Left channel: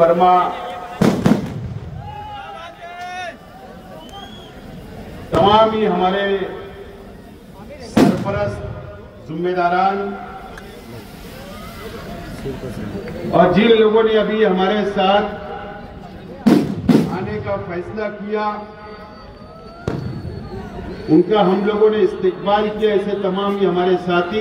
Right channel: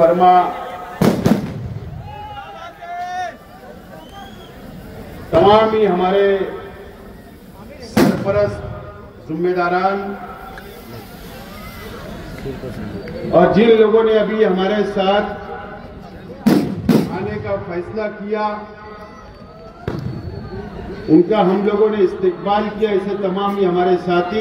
फरमा, तमाम ही हमारे सरपरस्त जिम्मेदारान और जिन लोगों ने अभी हमारे साथ आने का फैसला किया, उनका हम लोगों ने इस्तेकबाल किया। ऐसे तमाम ही हमारे साथी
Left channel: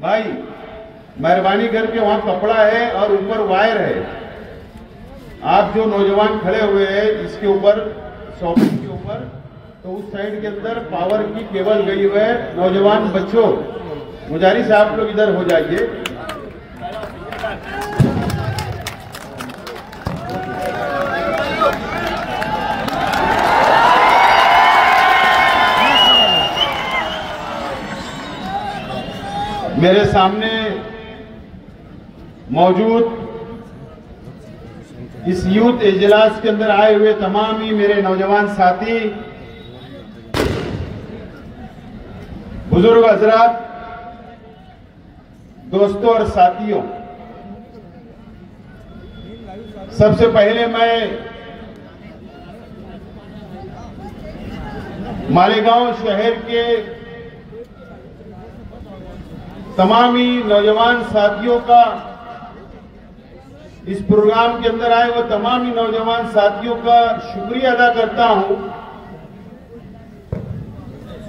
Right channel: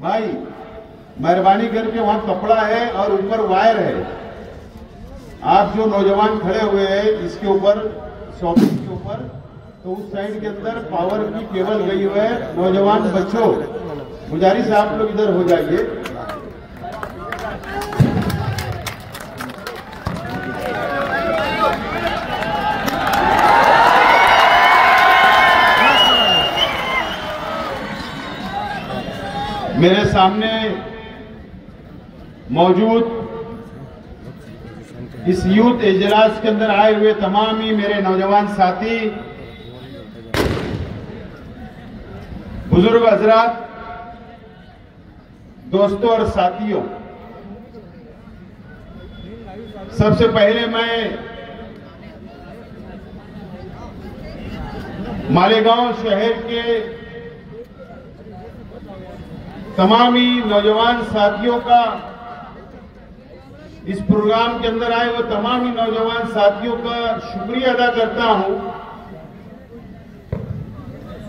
भाई मेहरबानी करके वहां कपड़ा है और ऊपर वायर है, आप जो नौजवान खड़े हुए हैं इसके ऊपर सॉकेट के ऊपर, तो उस साइड के अंदर पावर की केबल गई हुई है। नौजवान बच्चों, मुजारी साहब लोग इधर हो जाइए। मेरे सामने मौजूद इस यूथ इजलास के अंदर आए हुए तमाम ही मेरे नौजवान साथी, बुजुर्ग हजरात, दोस्तों और साथियों, सबसे पहले मैं मालेगांव शहर के तमाम ही नौजवान साथियों का, इस प्रोग्राम के अंदर आए हुए तमाम ही नौजवान साथियों का शुक्रिया अदा करता हूं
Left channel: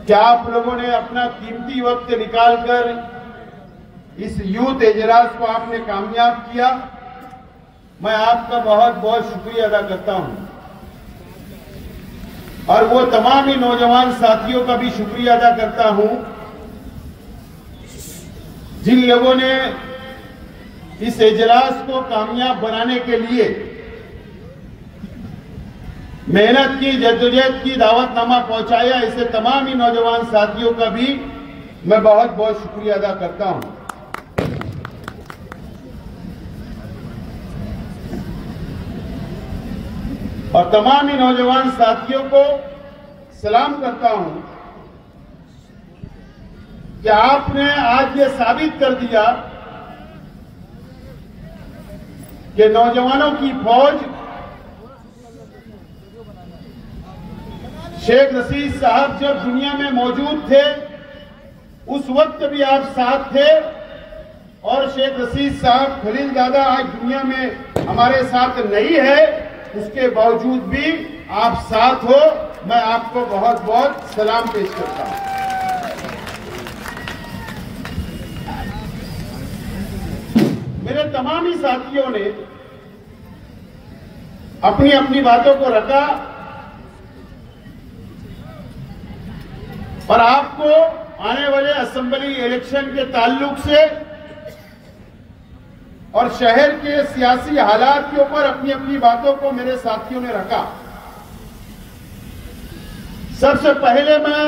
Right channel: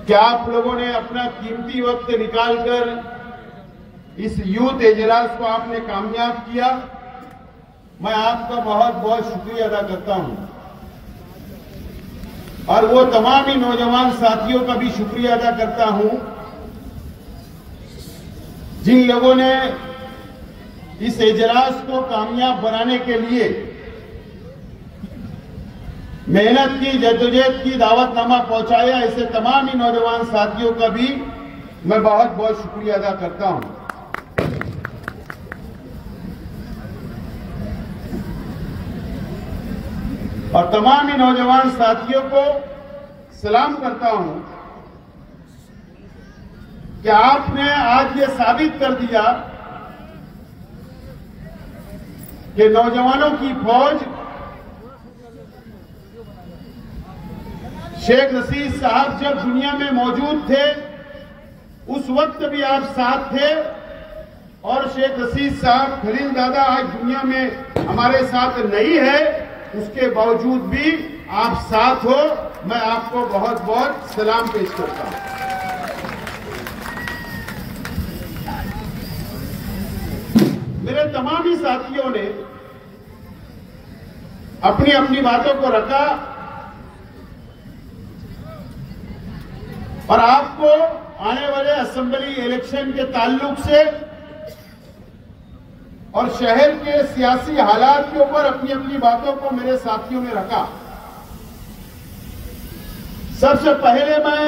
कि आप लोगों ने अपना कीमती वक्त निकालकर इस यूथ इजलास को आपने कामयाब किया। मैं आपका बहुत बहुत शुक्रिया अदा करता हूं और वो तमाम ही नौजवान साथियों का भी शुक्रिया अदा करता हूं जिन लोगों ने इस इजलास को कामयाब बनाने के लिए मेहनत की, जद्दोजहद की, दावतनामा पहुंचाया। ऐसे तमाम ही नौजवान साथियों का भी मैं बहुत बहुत शुक्रिया अदा करता हूं। और तमाम ही नौजवान साथियों को सलाम करता हूं कि आपने आज ये साबित कर दिया कि नौजवानों की फौज शेख रशीद साहब जब दुनिया में मौजूद थे उस वक्त भी आप साथ थे, और शेख रशीद साहब खलीलजादा आज दुनिया में हमारे साथ नहीं है, उसके बावजूद भी आप साथ हो। मैं आपको बहुत बहुत सलाम पेश करता हूं। मेरे तमाम ही साथियों ने अपनी अपनी बातों को रखा और आपको आने वाले असेंबली इलेक्शन के ताल्लुक से और शहर के सियासी हालात के ऊपर अपनी अपनी बातों को मेरे साथियों ने रखा। सबसे पहले मैं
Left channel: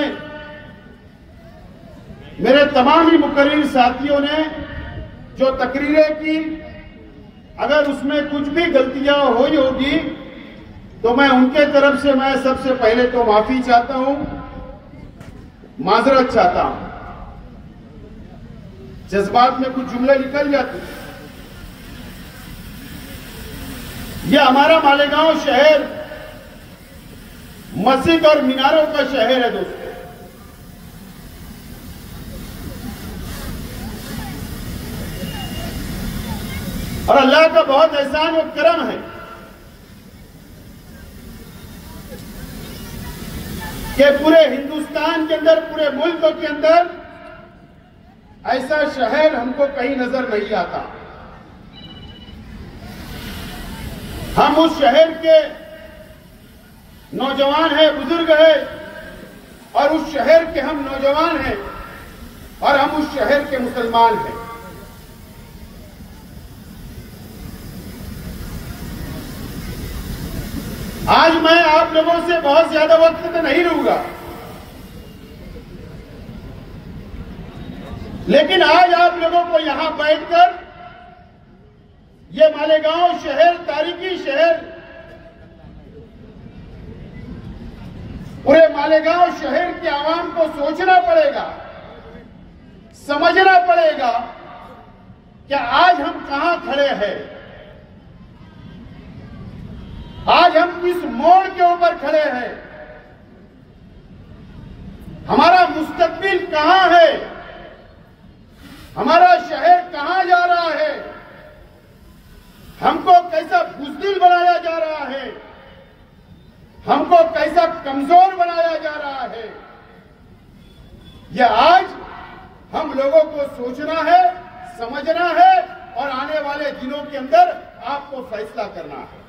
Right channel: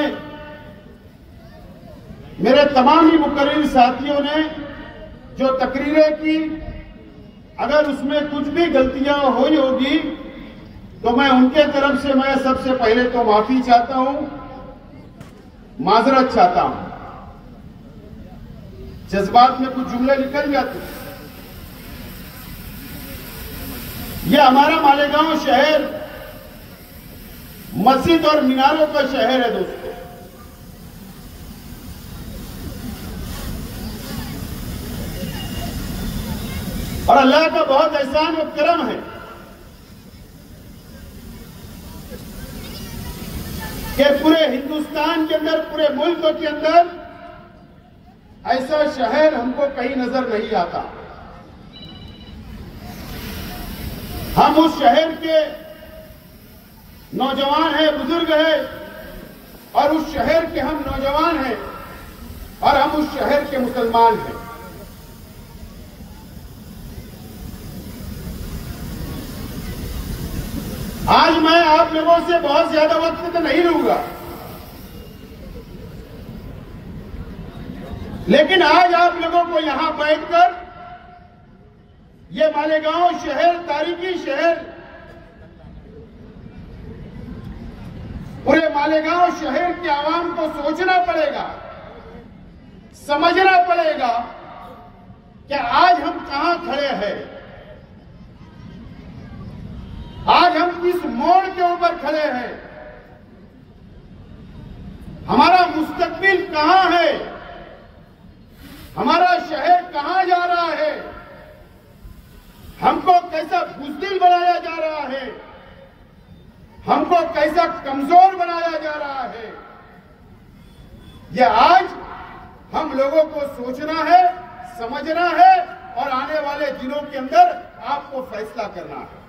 मेरे तमाम ही मुकर्रिर साथियों ने जो तकरीरें की, अगर उसमें कुछ भी गलतियां हुई होगी तो मैं उनके तरफ से मैं सबसे पहले तो माफी चाहता हूं, माजरत चाहता हूं। जज्बात में कुछ जुमले निकल जाते हैं। यह हमारा मालेगांव शहर मस्जिद और मीनारों का शहर है दोस्तों। और अल्लाह का बहुत एहसान और करम है कि पूरे हिंदुस्तान के अंदर, पूरे मुल्क के अंदर ऐसा शहर हमको कहीं नजर नहीं आता। हम उस शहर के नौजवान हैं, बुजुर्ग हैं, और उस शहर के हम नौजवान हैं और हम उस शहर के मुसलमान हैं। आज मैं आप लोगों से बहुत ज्यादा वक्त तो नहीं लूंगा, लेकिन आज आप लोगों को यहां बैठकर ये मालेगांव शहर, तारीखी शहर, पूरे मालेगांव शहर के आवाम को सोचना पड़ेगा, समझना पड़ेगा कि आज हम कहां खड़े हैं, आज हम किस मोड़ के ऊपर खड़े हैं, हमारा मुस्तकबिल कहां है, हमारा शहर कहां जा रहा है, हमको कैसा बुज़दिल बनाया जा रहा है, हमको कैसा कमजोर बनाया जा रहा है। यह आज हम लोगों को सोचना है, समझना है और आने वाले दिनों के अंदर आपको फैसला करना है।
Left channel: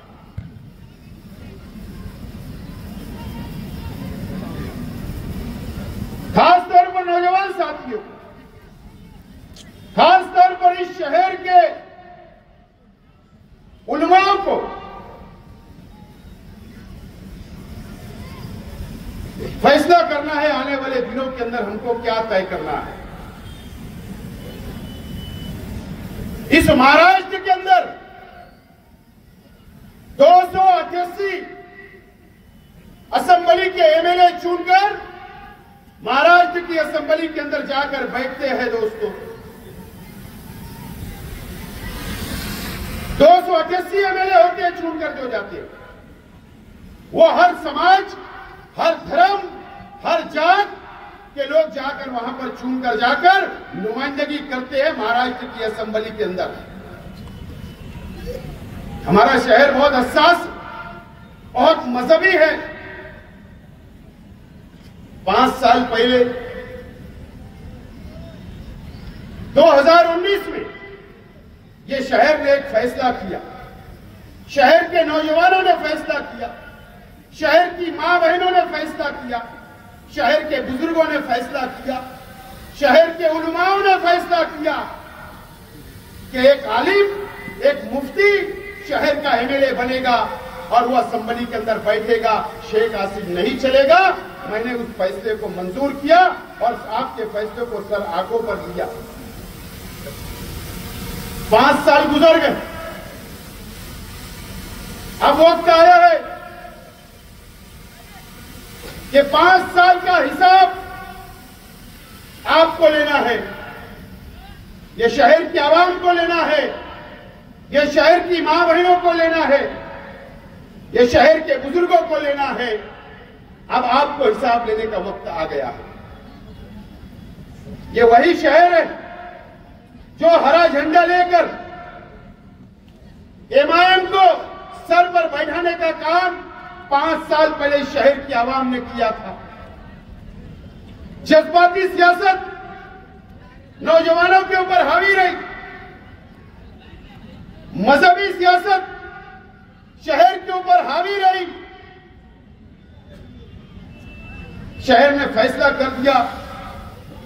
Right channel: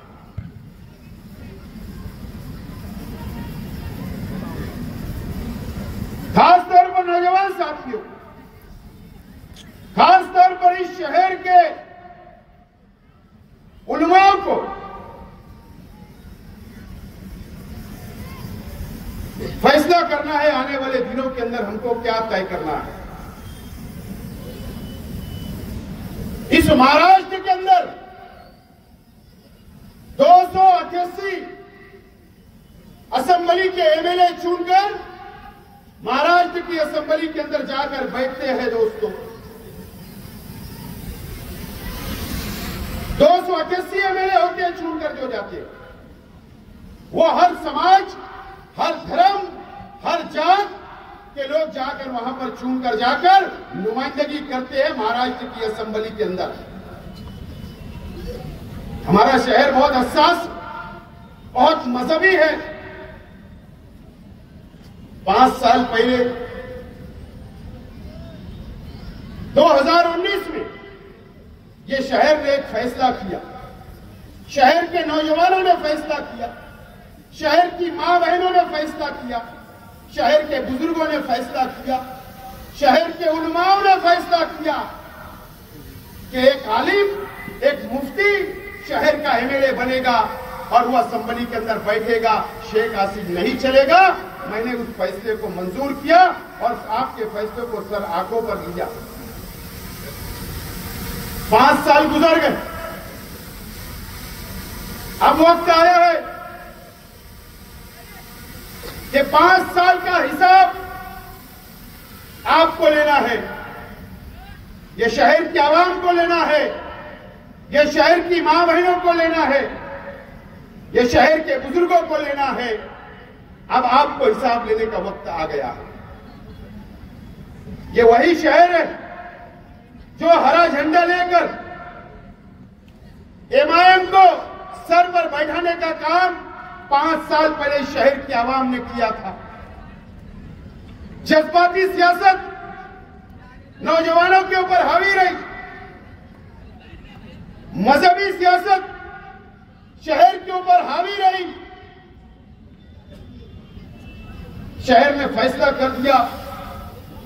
खासतौर पर नौजवान साथियों, खासतौर पर इस शहर के उलमाओं को फैसला करना है आने वाले दिनों के अंदर हमको क्या तय करना है। इस महाराष्ट्र के अंदर 288 असेंबली के एमएलए चुनकर महाराष्ट्र की असेंबली के अंदर जाकर बैठते हैं। दोस्तों, 288 एमएलए होते हैं चुनकर जो जाते हैं, वो हर समाज, हर धर्म, हर जात के लोग जाकर वहां पर चुनकर जाकर नुमाइंदगी करते हैं महाराष्ट्र की असेंबली के अंदर। हमारा शहर बहुत हसास, बहुत मजहबी है। 5 साल पहले 2019 में ये शहर ने एक फैसला किया, शहर के नौजवानों ने फैसला किया, शहर की मां बहनों ने फैसला किया, शहर के बुजुर्गों ने फैसला किया, शहर के उलमाओं ने फैसला किया कि एक आलिम, एक मुफ्ती शहर का एमएलए बनेगा और वो असेंबली के अंदर बैठेगा, शेख आसिफ नहीं चलेगा। मैंने उस फैसले को मंजूर किया और आपके फैसले को सर आंखों पर लिया। 5 साल गुजर गए, अब वक्त आया है कि 5 साल का हिसाब आपको लेना है, ये शहर की आवाम को लेना है, ये शहर की मां बहनों को लेना है, ये शहर के बुजुर्गों को लेना है। अब आपको हिसाब लेने का वक्त आ गया है। ये वही शहर है जो हरा झंडा लेकर एमआईएम को सर पर बैठाने का काम 5 साल पहले इस शहर की आवाम ने किया था। जज्बाती सियासत नौजवानों के ऊपर हावी रही, मजहबी सियासत शहर के ऊपर हावी रही। शहर में फैसला कर दिया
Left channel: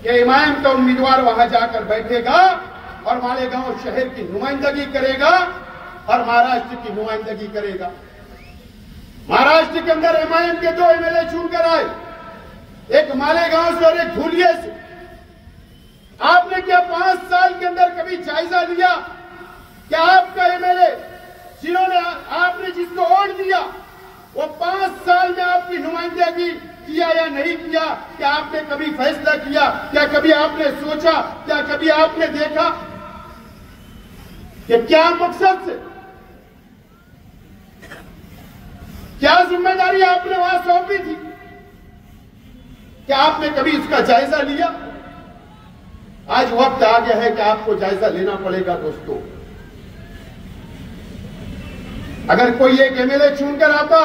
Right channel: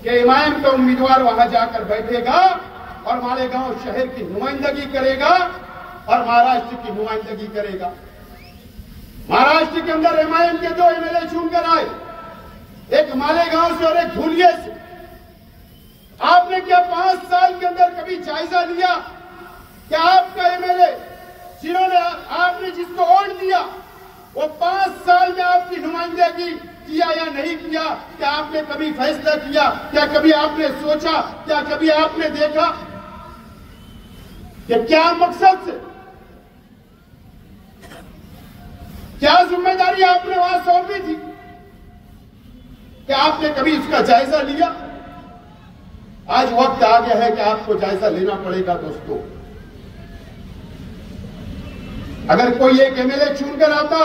कि एमआईएम का उम्मीदवार वहां जाकर बैठेगा और मालेगांव शहर की नुमाइंदगी करेगा और महाराष्ट्र की नुमाइंदगी करेगा। महाराष्ट्र के अंदर एमआईएम के 2 एमएलए चुनकर आए, एक मालेगांव से और एक धुलिया से। आपने क्या 5 साल के अंदर कभी जायजा लिया कि आपका एमएलए जिन्होंने आपने जिसको वोट दिया वो 5 साल में आपकी नुमाइंदगी किया या नहीं किया? क्या आपने कभी फैसला किया? क्या कभी आपने सोचा? क्या कभी आपने देखा कि क्या मकसद से, क्या जिम्मेदारी आपने वहां सौंपी थी? क्या आपने कभी इसका जायजा लिया? आज वक्त आ गया है कि आपको जायजा लेना पड़ेगा। दोस्तों, अगर कोई एक एमएलए चुनकर आता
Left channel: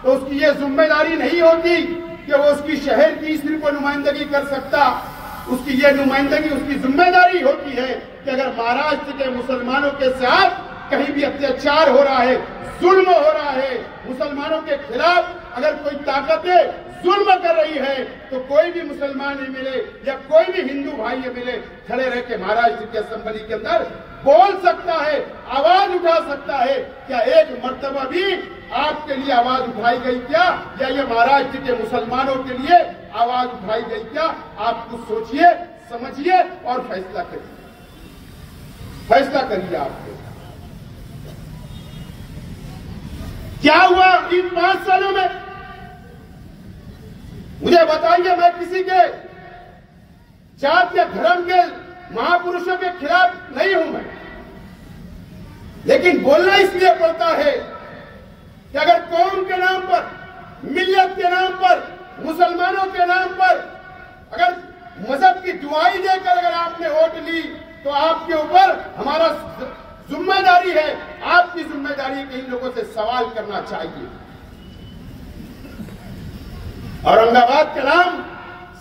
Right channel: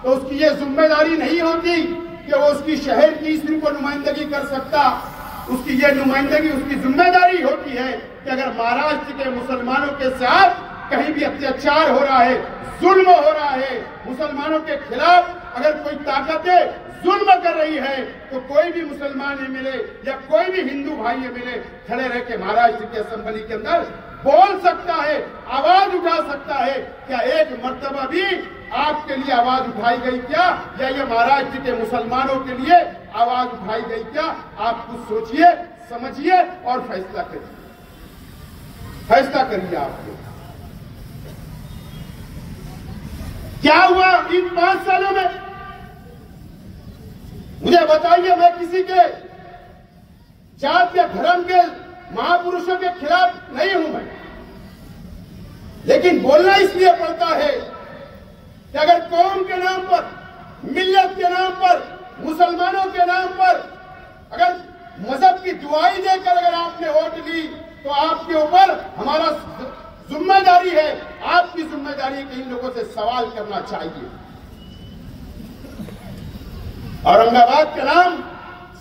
तो उसकी ये जिम्मेदारी नहीं होती कि वो उसकी शहर की सिर्फ को नुमाइंदगी कर सकता। उसकी ये नुमाइंदगी, उसकी जिम्मेदारी होती है कि अगर महाराष्ट्र के मुसलमानों के साथ कहीं भी अत्याचार हो रहा है, जुल्म हो रहा है, मुसलमानों के खिलाफ अगर कोई ताकतें जुल्म कर रही है, तो कोई भी मुसलमान एमएलए या कोई भी हिंदू भाई एमएलए खड़े रह के महाराष्ट्र की असेंबली के अंदर बोल सकता है, आवाज उठा सकता है। क्या एक मर्तबा भी आपके लिए आवाज उठाई गई क्या? या ये महाराष्ट्र के मुसलमानों के लिए आवाज उठाई गई क्या? आप कुछ सोचिए, समझिए और फैसला करिए। फैसला करिए आपको क्या हुआ इन 5 सालों में? मुझे बताइए। मैं किसी के जात या धर्म के महापुरुषों के खिलाफ नहीं हूं मैं, लेकिन बोलना इसलिए पड़ता है कि अगर कौम के नाम पर, मिल्लत के नाम पर, मुसलमानों के नाम पर अगर मजहब की दुआई देकर अगर आपने वोट ली तो आपके ऊपर हमारा जिम्मेदारी है, आपकी जिम्मेदारी है कि इन लोगों से सवाल करना चाहिए। औरंगाबाद का नाम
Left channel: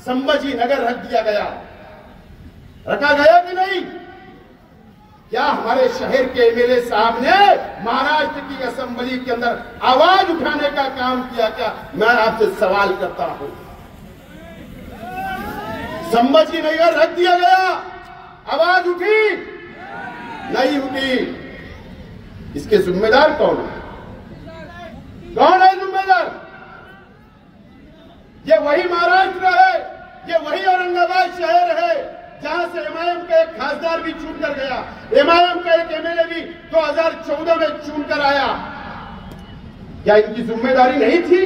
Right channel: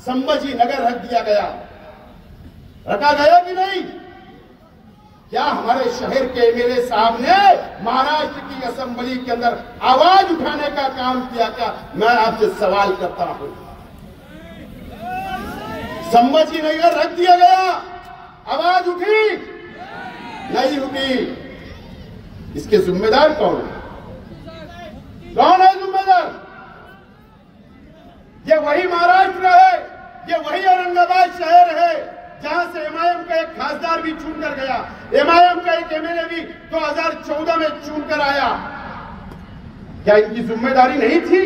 संभाजी नगर रख दिया गया, रखा गया कि नहीं? क्या हमारे शहर के एमएलए साहब ने महाराष्ट्र की असेंबली के अंदर आवाज उठाने का काम किया? क्या? मैं आपसे सवाल करता हूं। संभाजी नगर रख दिया गया, आवाज उठी नहीं उठी, इसके जिम्मेदार कौन है? कौन है जिम्मेदार? ये वही महाराष्ट्र है, ये वही औरंगाबाद शहर है जहां से एमआईएम का एक खासदार भी चुनकर गया, एमआईएम का एक एमएलए भी 2014 में चुनकर आया। क्या इनकी जिम्मेदारी नहीं थी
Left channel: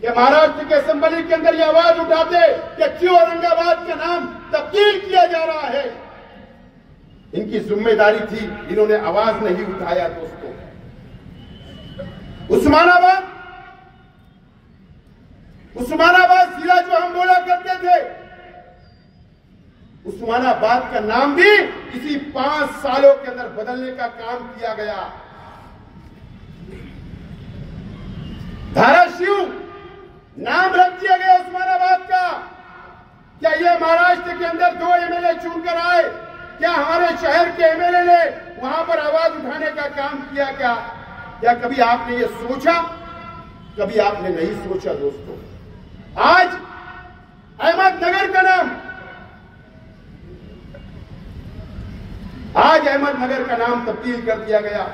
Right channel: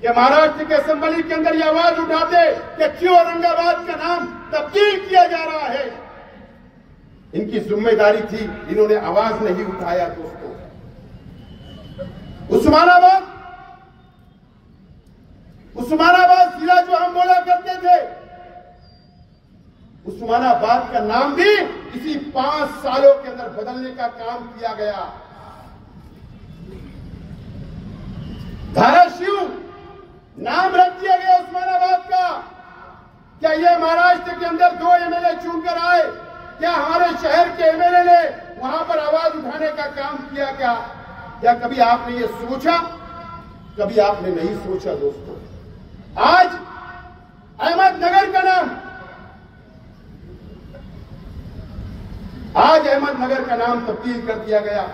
कि महाराष्ट्र के असेंबली के अंदर ये आवाज उठाते कि क्यों औरंगाबाद का नाम तब्दील किया जा रहा है? इनकी जिम्मेदारी थी, इन्होंने आवाज नहीं उठाया। दोस्तों, उस्मानाबाद जिला जो हम बोला करते थे, उस्मानाबाद का नाम भी इसी 5 सालों के अंदर बदलने का काम किया गया। धाराशिव नाम रख दिया गया उस्मानाबाद का। क्या ये महाराष्ट्र के अंदर 2 एमएलए चुनकर आए? क्या हमारे शहर के एमएलए ने वहां पर आवाज उठाने का काम किया? क्या कभी आपने ये सोचा? कभी आपने नहीं सोचा। दोस्तों, आज अहमदनगर का नाम तब्दील कर दिया गया।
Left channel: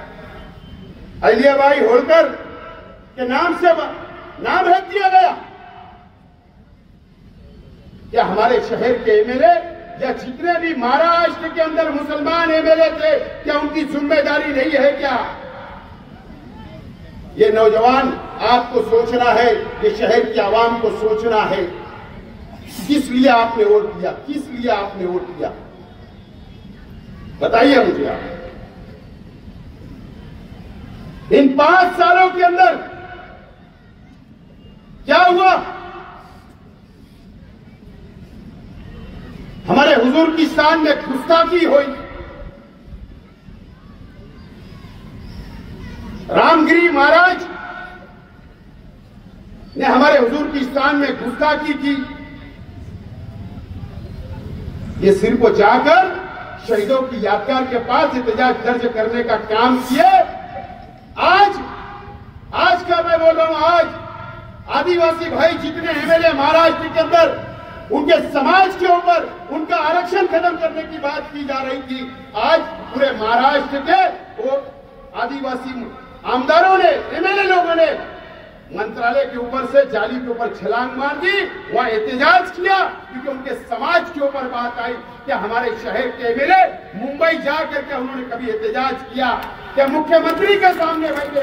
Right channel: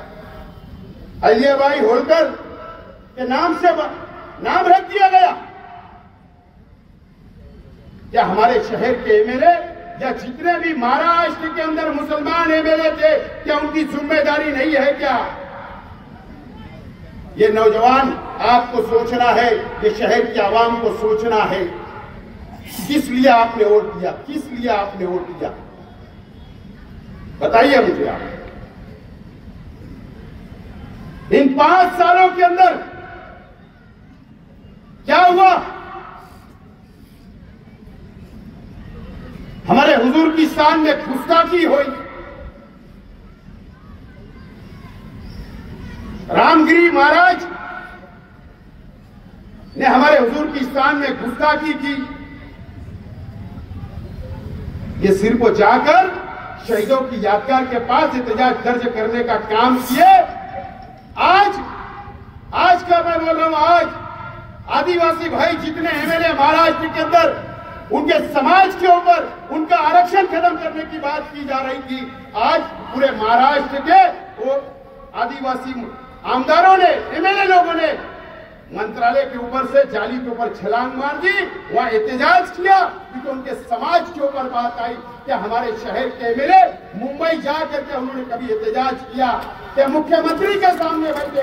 अहिल्याबाई होलकर के नाम से नाम रख दिया गया। क्या हमारे शहर के एमएलए या जितने भी महाराष्ट्र के अंदर मुसलमान एमएलए थे, क्या उनकी जिम्मेदारी नहीं है? क्या ये नौजवान आपको सोचना है, ये शहर की आवाम को सोचना है, किस लिए आपने वोट दिया? किस लिए आपने वोट दिया? बताइए मुझे आप। इन 5 सालों के अंदर क्या हुआ? हमारे हुजूर की शान में गुस्ताखी हुई, रामगिरी महाराज ने हमारे हुजूर की शान में गुस्ताखी की। ये सिर को जाकर शहीदों की यादगार के पास एहतजाज दर्ज करने का काम किए। आज का मैं बोल रहा हूं, आज आदिवासी भाई जितने एमएलए महाराष्ट्र के अंदर उनके समाज के ऊपर उनका आरक्षण खत्म करने की बात की जा रही थी, आज पूरे महाराष्ट्र के वो आदिवासी आमदारों ने, एमएलए लोगों ने मंत्रालय के ऊपर से जाली के ऊपर छलांग मार दी, वहां एहतजाज किया, क्योंकि उनके समाज के ऊपर बात आई। क्या हमारे शहर के एमएलए मुंबई जाकर के उन्होंने कभी एहतजाज किया? क्या मुख्यमंत्री के सामने बैठे?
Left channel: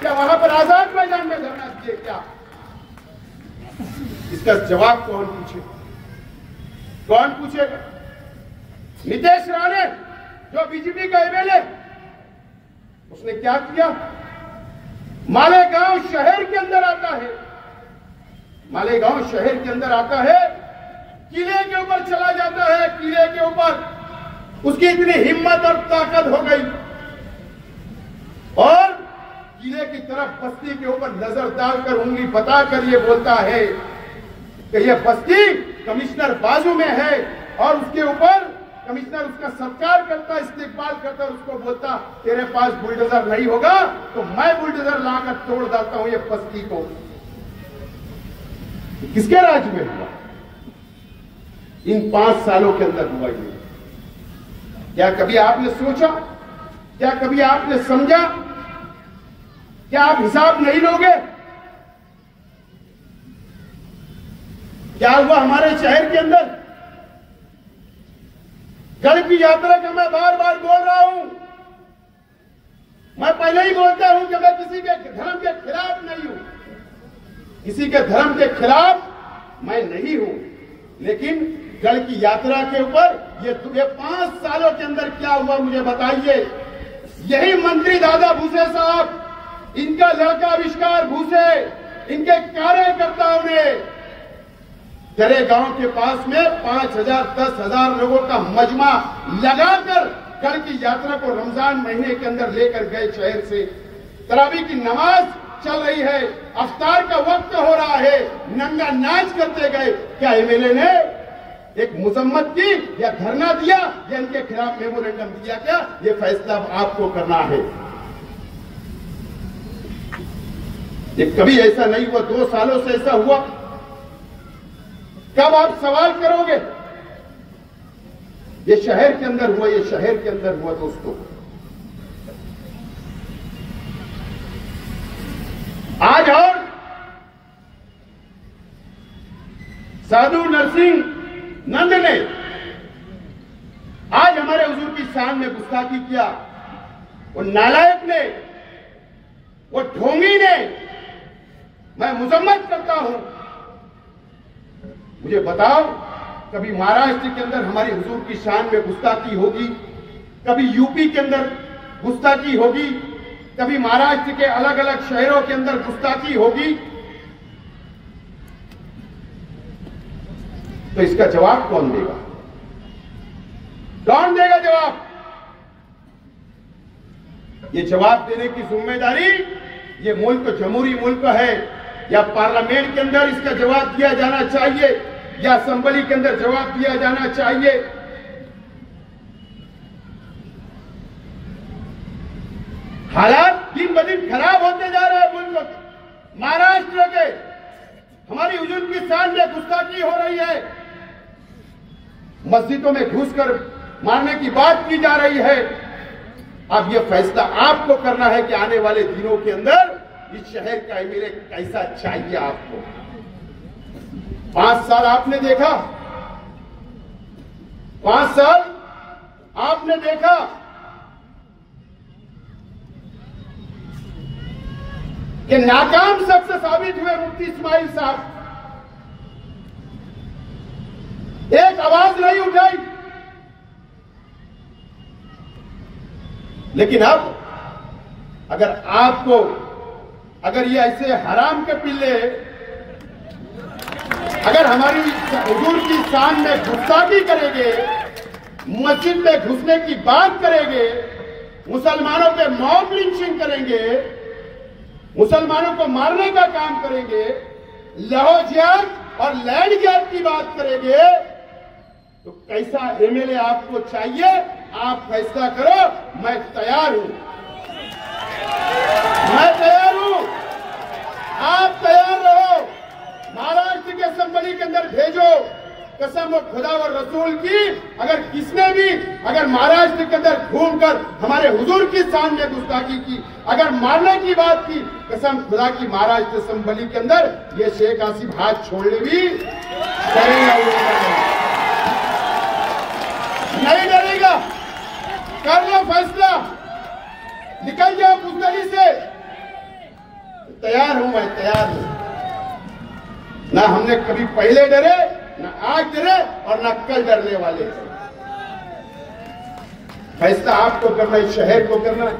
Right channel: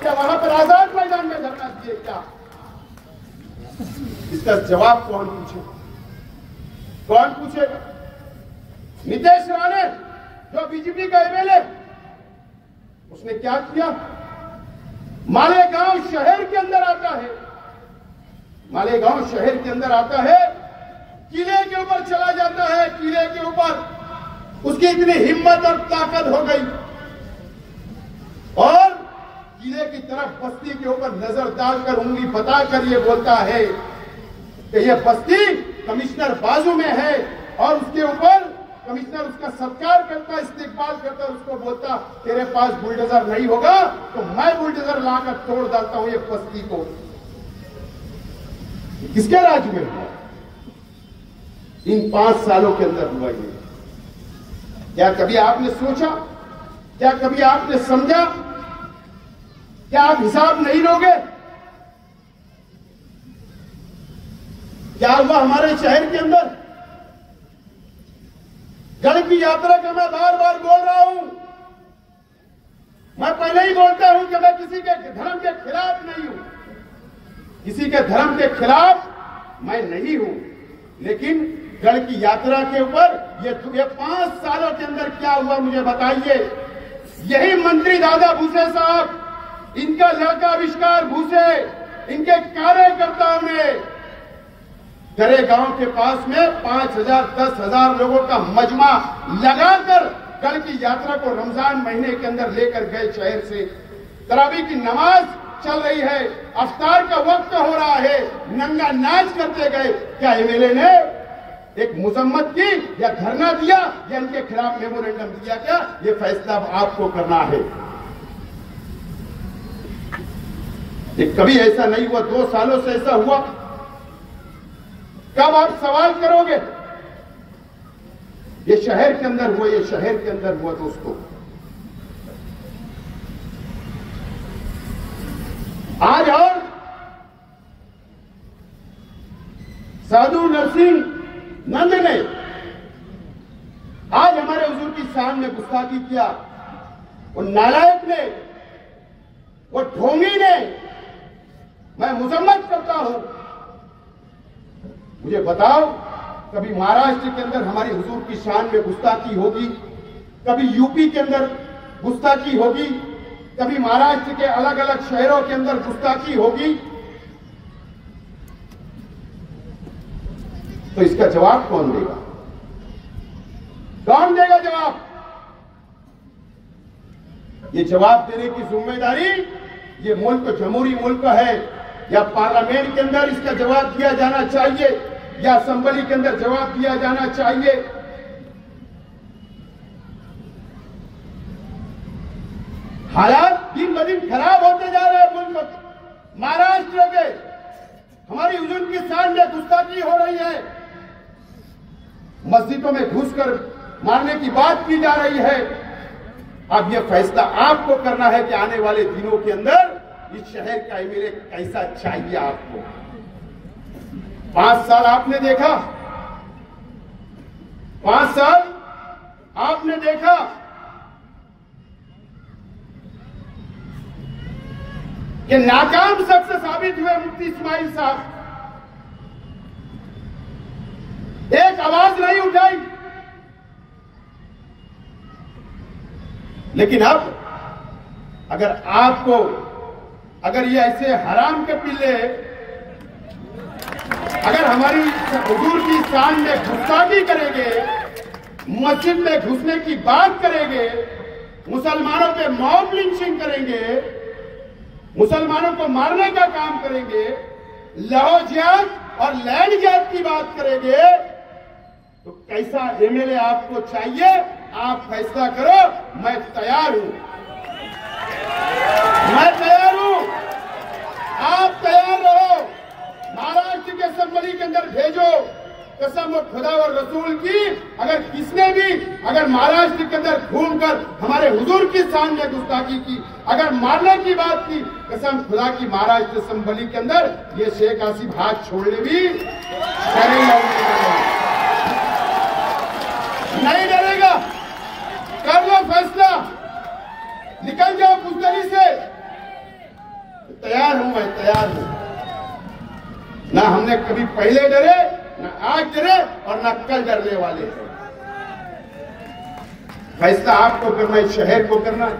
क्या वहां पर आजाद मैदान में धरना दिए? क्या इसका जवाब कौन पूछेगा? कौन पूछेगा? नीतीश राणे जो बीजेपी का एमएलए, उसने क्या किया? मालेगांव शहर के अंदर आता है, मालेगांव शहर के अंदर आता है, किले के ऊपर चला जाता है, किले के ऊपर उसकी इतनी हिम्मत और ताकत हो गई और किले की तरफ बस्ती के ऊपर नजर डालकर उंगली बताकर ये बोलता है कि यह बस्ती कमिश्नर बाजू में है, और उसके ऊपर कमिश्नर उसका सत्कार करता, इस्तेकबाल करता, उसको बोलता तेरे पास बुलडोजर नहीं होगा तो मैं बुलडोजर लाकर तोड़ डालता हूं ये बस्ती को। किसके राज में हुआ? इन 5 सालों के अंदर हुआ ये। क्या कभी आपने सोचा? क्या कभी आपने समझा? क्या आप हिसाब नहीं लोगे? क्या हुआ हमारे शहर के अंदर? गढ़ की यात्रा का मैं बार बार बोल रहा हूं। मैं पहले ही बोलता हूं कि मैं किसी के धर्म के खिलाफ नहीं हूं, किसी के धर्म के खिलाफ मैं नहीं हूं, लेकिन जल की यात्रा के ऊपर ये 5 सालों के अंदर क्या हुआ मुझे बताइए। यही मंत्री दादा भूसे साहब, इनका लड़का आविष्कार भूसे, इनके कार्यकर्ताओं ने गरे गांव के पास में 5,000 10,000 लोगों का मजमा लगाकर कल की यात्रा को रमजान महीने के अंदर लेकर गए। शहर से तरावी की नमाज चल रही है, अफ्तार का वक्त हो रहा है, नंगा नाच करते गए। क्या एमएलए ने एक मुजम्मत की या धरना दिया या इनके खिलाफ मेमोरेंडम दिया? क्या ये फैसला आपको करना है। ये कभी ऐसा नहीं हुआ, 2 सालों से ऐसा हुआ। कब आप सवाल करोगे? ये शहर के अंदर हुआ, ये शहर के अंदर हुआ दोस्तों। आज और साधु नरसिंह नंद ने आज हमारे हुजूर की शान में गुस्ताखी किया। वो नालायक ने, वो ढोंगी ने, मैं मुजम्मत करता हूं। मुझे बताओ, कभी महाराष्ट्र के अंदर हमारे हुजूर की शान में गुस्ताखी होगी, कभी यूपी के अंदर गुस्ताखी होगी, कभी महाराष्ट्र के अलग अलग शहरों के अंदर गुस्ताखी होगी? तो इसका जवाब कौन देगा? कौन देगा जवाब? ये जवाब देने की जिम्मेदारी ये मुल्क जमहूरी मुल्क है, या पार्लियामेंट के अंदर इसका जवाब दिया जाना चाहिए, या असेंबली के अंदर जवाब दिया जाना चाहिए। हालात दिन ब दिन खराब होते जा रहे हैं मुल्क। महाराष्ट्र के हमारी हुजूर की शान में गुस्ताखी हो रही है, मस्जिदों में घुसकर मारने की बात की जा रही है। अब यह फैसला आपको करना है कि आने वाले दिनों के अंदर इस शहर का एमएलए कैसा चाहिए आपको। 5 साल आपने देखा, 5 साल आपने देखा कि नाकाम सबसे साबित हुए मुफ्ती इस्माइल साहब। एक आवाज नहीं उठाई। लेकिन अब अगर ये ऐसे हराम के पिल्ले अगर हमारी हुजूर की शान में गुस्ताखी करेंगे, मस्जिद में घुसने की बात करेंगे, मुसलमानों के मॉब लिंचिंग करेंगे, मुसलमानों को मारने का काम करेंगे, लहो जिहाद और लैंड जिहाद की बात करेंगे, तो कैसा एमएलए आपको चाहिए? आप फैसला करो। मैं तैयार हूं, मैं तैयार हूं। आप तैयार रहो। महाराष्ट्र के असेंबली के अंदर भेजो। कसम खुदा और रसूल की, अगर किसने भी अगर महाराष्ट्र के अंदर घूमकर हमारे हुजूर की शान में गुस्ताखी की, अगर मारने की बात की, कसम खुदा की महाराष्ट्र असेंबली के अंदर ये शेख आसिफ हाथ छोड़ने भी नहीं डरेगा। कर लो फैसला, निकल जाओ बुजदरी से। तैयार हूं, मैं तैयार हूं। ना हमने कभी पहले डरे, न आज डरे और न कल डरने वाले। फैसला आपको करना है, शहर को करना है।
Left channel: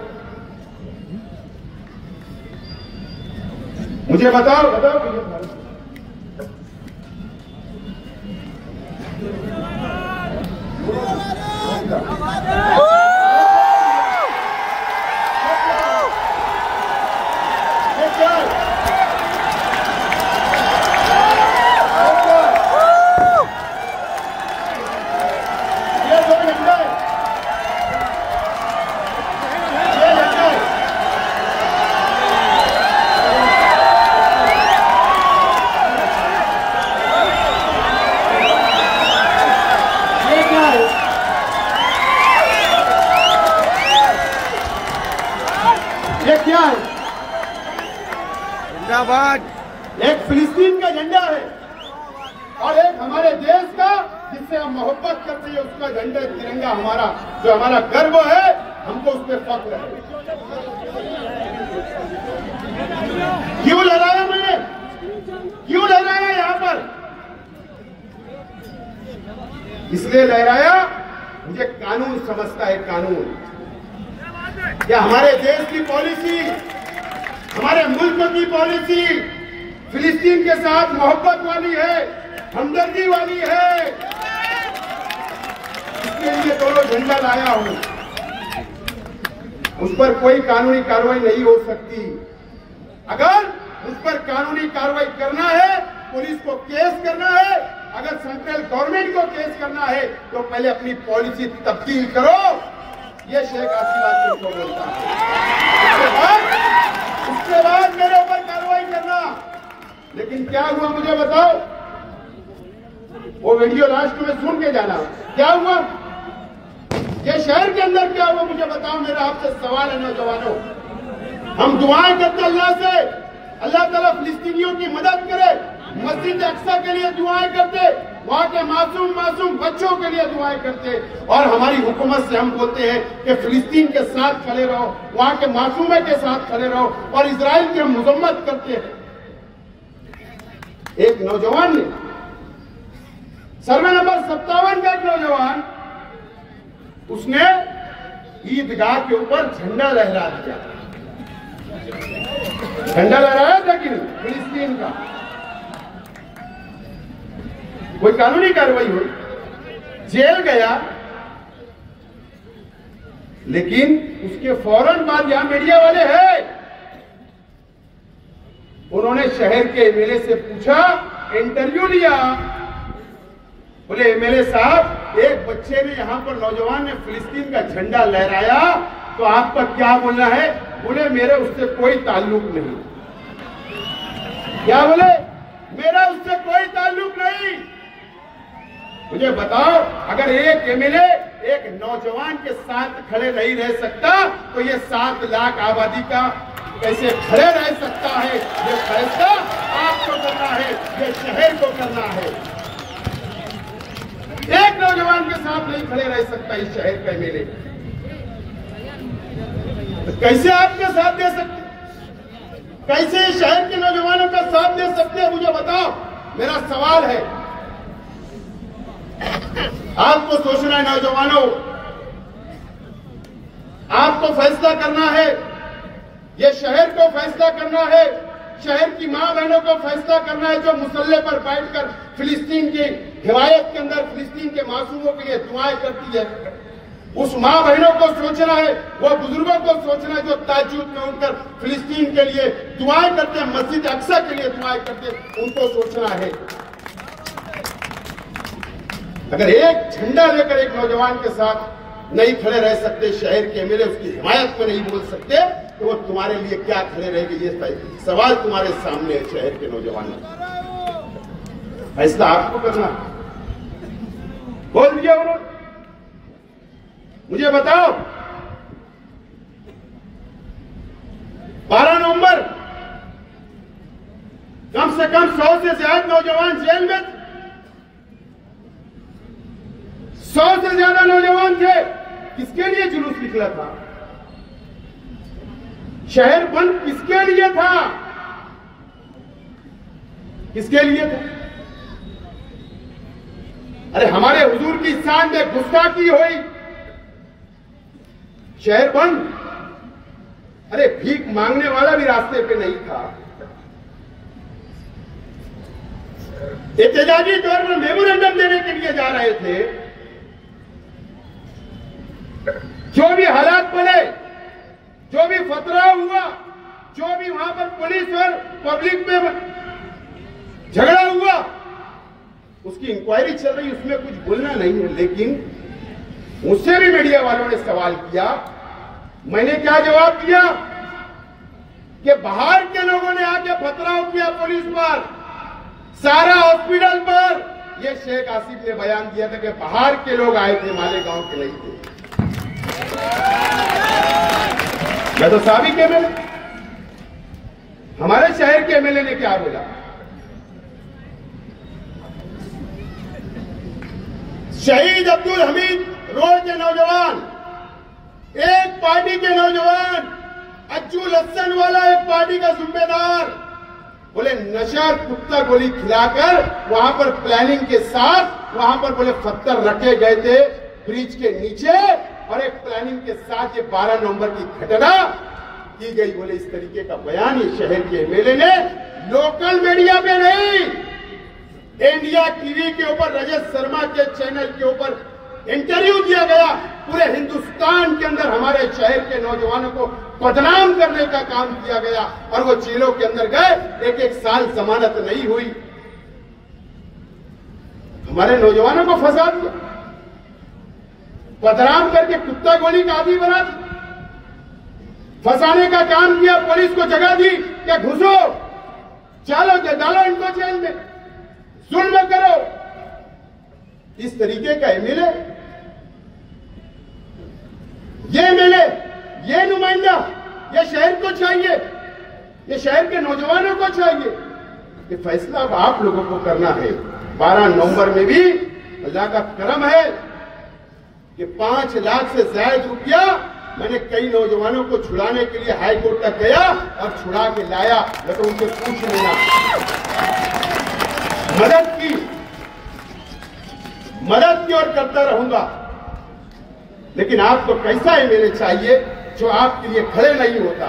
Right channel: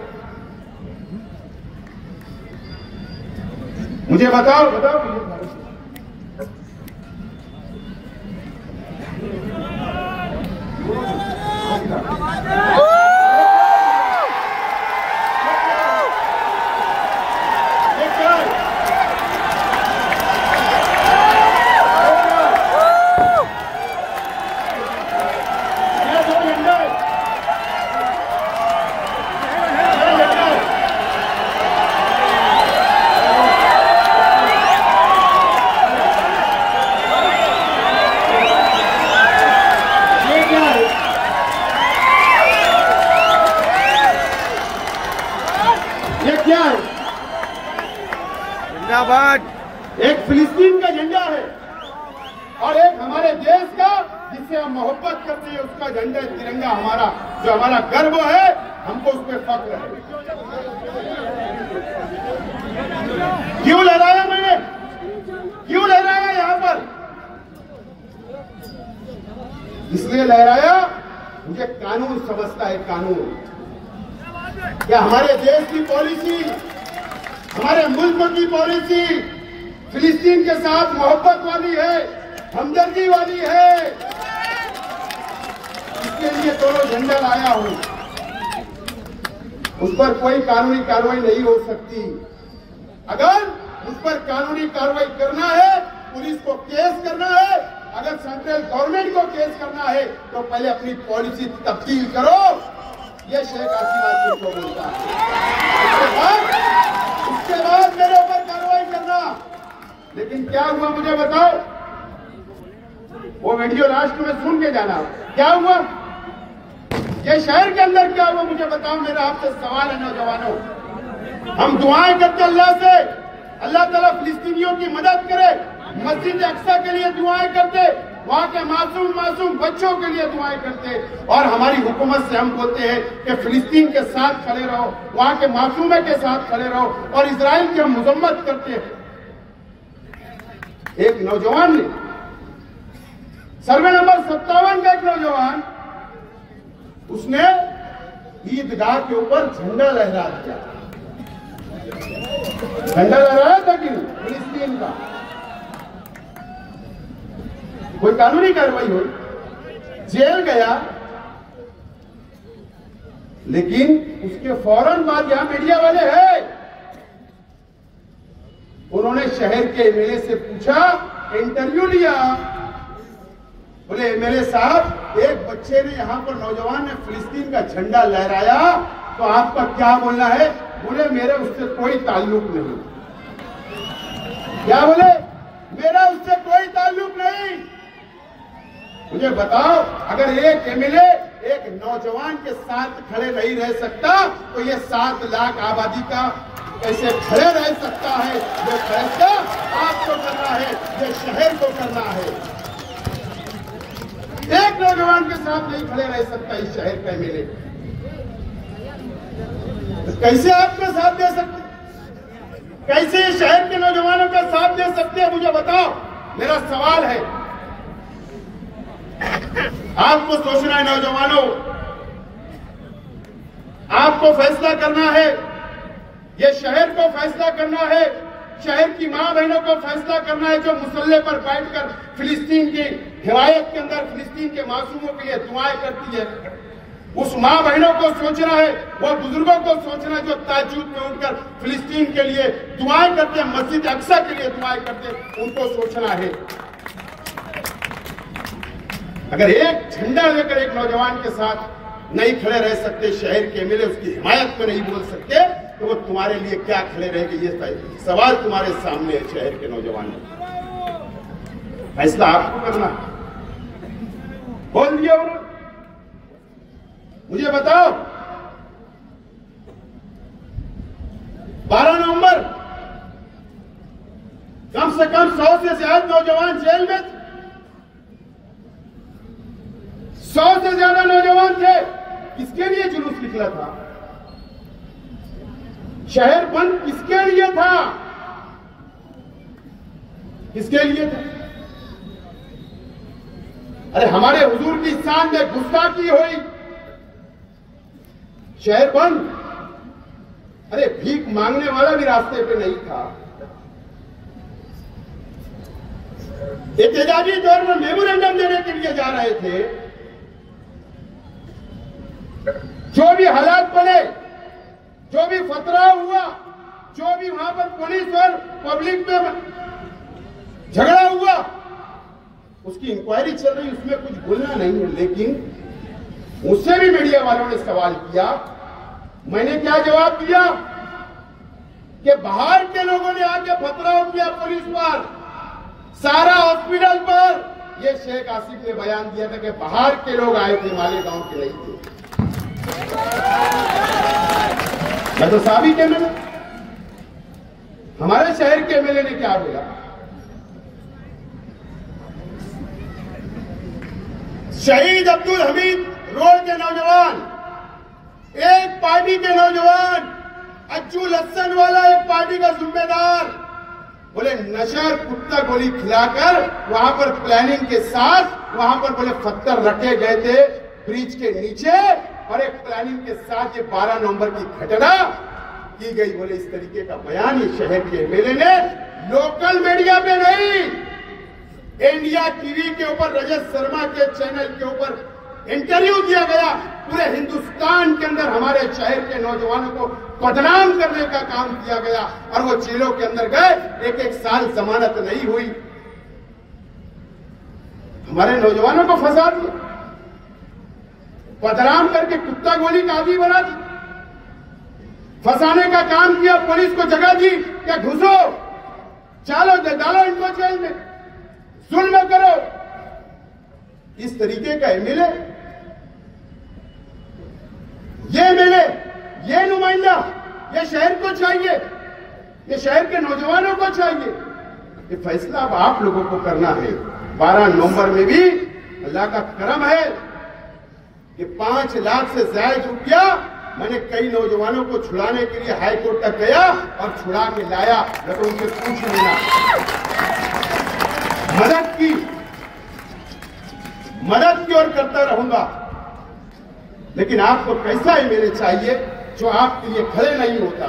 मुझे बताओ जिंदाबाद। एक फिलिस्तीन का झंडा है और एक हमारे देश का जिससे हम मोहब्बत करते हैं उसका झंडा, तिरंगा हमारा, जो हमारा गर्व है, हमको उस पर फख्र है। क्यों लहराया मैंने, क्यों लहराया यहां पर? इसलिए लहराया, मुझे कानून समझता है, कानून क्या हमारे देश की पॉलिसी, हमारे मुल्क की पॉलिसी फिलिस्तीन के साथ मोहब्बत वाली है, हमदर्दी वाली है। इसके लिए दोनों झंडा लाया हूं। उस पर कोई कानूनी कार्रवाई नहीं हो सकती। अगर उस पर कानूनी कार्रवाई करना है, पुलिस को केस करना है, अगर सेंट्रल गवर्नमेंट को केस करना है तो पहले अपनी पॉलिसी तब्दील करो। ये शेख हसीना को बोलता है। उसके बाद मेरे ऊपर कार्रवाई करना। लेकिन क्या हुआ मुझे बताओ, वो वीडियो लास्ट में सुन के जाना, क्या हुआ ये शहर के अंदर क्या हुआ मुझे बताओ। मेरा आपसे सवाल है नौजवानों, हम दुआएं करते अल्लाह से, अल्लाह ताला फिलिस्तीनियों की मदद करे, मस्जिद अक्सा के लिए दुआएं करते, वहां के मासूम बच्चों के लिए दुआएं करते, और हमारी हुकूमत से हम बोलते हैं कि फिलिस्तीन के साथ खड़े रहो, वहां के मासूमों के साथ खड़े रहो, और इजराइल की हम मजम्मत करते हैं। एक नौजवान ने सर्वे नंबर 57 का एक नौजवान, उसने ईदगाह के ऊपर झंडा लहरा दिया। झंडा लहराया था कि नहीं फिलिस्तीन का। कोई कानूनी कार्रवाई हुई, जेल गया, लेकिन उसके फौरन बाद यहां मीडिया वाले हैं, उन्होंने शहर के एमएलए से पूछा, इंटरव्यू लिया। बोले एमएलए साहब, एक बच्चे ने यहां पर नौजवान ने फिलिस्तीन का झंडा लहराया, तो आपका क्या बोलना है? बोले मेरा उससे कोई ताल्लुक नहीं। क्या बोले? मेरा उससे कोई ताल्लुक नहीं। मुझे बताओ, अगर एक एमएलए एक नौजवान के साथ खड़े नहीं रह सकता, तो ये 7 लाख आबादी का कैसे खड़े रह सकता है? ये फैसला आपको करना है, ये शहर को करना है। एक नौजवान के साथ नहीं खड़े रह सकता इस शहर का एमएलए, कैसे आपके साथ दे सकते? कैसे इस शहर के नौजवानों का साथ दे सकते हैं? मुझे बताओ। मेरा सवाल है, आपको सोचना है नौजवानों, आपको फैसला करना है, ये शहर को फैसला करना है, शहर की मां बहनों को फैसला करना है, जो मुसल्ले पर बैठकर फिलिस्तीन की हिमायत के अंदर फिलिस्तीन के मासूमों के लिए दुआएं करती है। उस मां बहनों को सोचना है, वो बुजुर्गों को सोचना है जो ताज्जुद में उठकर फिलिस्तीन के लिए दुआएं करते हैं, मस्जिद अक्सा के लिए दुआएं करते हैं, उनको सोचना है। अगर एक झंडा लेकर एक नौजवान के साथ नहीं खड़े रह सकते, शहर के एमएलए उसकी हिमायत में नहीं बोल सकते, तो वो तुम्हारे लिए क्या खड़े रहेंगे? ये सवाल तुम्हारे सामने है शहर के नौजवान। फैसला आपको करना। बोल दिया उन्होंने। मुझे बताओ, 12 नवंबर कम से कम 100 से ज्यादा नौजवान जेल में, 100 से ज्यादा नौजवान थे। किसके लिए जुलूस निकला था? शहर बंद किसके लिए था? किसके लिए था? अरे हमारे हुजूर की शान में गुस्ताखी हुई, शहर बंद। अरे भीख मांगने वाला भी रास्ते पे नहीं था। एहतजाजी तौर पर मेमोरेंडम देने के लिए जा रहे थे। जो भी हालात बने, जो भी फतरा हुआ, जो भी वहां पर पुलिस और पब्लिक में झगड़ा हुआ, उसकी इंक्वायरी चल रही, उसमें कुछ बोलना नहीं है। लेकिन मुझसे भी मीडिया वालों ने सवाल किया, मैंने क्या जवाब दिया कि बाहर के लोगों ने आके पथराव किया पुलिस पर, सारा हॉस्पिटल पर। यह शेख आसिफ ने बयान दिया था कि बाहर के लोग आए थे, मालेगांव के नहीं थे। मैं तो साबिक एमएलए, हमारे शहर के एमएलए ने क्या बोला? शहीद अब्दुल हमीद रोड के नौजवान, एक पार्टी के नौजवान, अज्जू लस्सन वाला एक पार्टी का जिम्मेदार, बोले नशा कुत्ता गोली खिलाकर वहां पर प्लानिंग के साथ वहां पर बोले पत्थर रखे गए थे ब्रिज के नीचे और एक प्लानिंग के साथ ये 12 नवंबर की घटना की गई। बोले इस तरीके का बयान इस शहर के एमएलए ने लोकल मीडिया में नहीं, इंडिया टीवी के ऊपर रजत शर्मा के चैनल के ऊपर इंटरव्यू दिया गया। पूरे हिंदुस्तान के अंदर हमारे शहर के नौजवानों को बदनाम करने का काम किया गया और वो जेलों के अंदर गए, एक एक साल जमानत नहीं हुई। हमारे नौजवानों को फंसा दिया, बदनाम करके कुत्ता गोली का आदि बना दिया, फंसाने का काम किया। पुलिस को जगह दी क्या घुसो, चलो डालो इनको जेल में, जुल्म करो। इस तरीके का एमएलए, ये एमएलए, ये नुमाइंदा, ये शहर को चाहिए, ये शहर के नौजवानों को चाहिए। ये फैसला अब आप लोगों को करना है। 12 नवंबर में भी अल्लाह का करम है कि 5 लाख से ज्यादा रुपया मैंने कई नौजवानों को छुड़ाने के लिए हाई कोर्ट तक गया और छुड़ा के लाया। तो उनसे पूछ लेना, मदद की ओर करता रहूंगा। लेकिन आपको कैसा एमएलए चाहिए जो आपके लिए खड़े नहीं होता?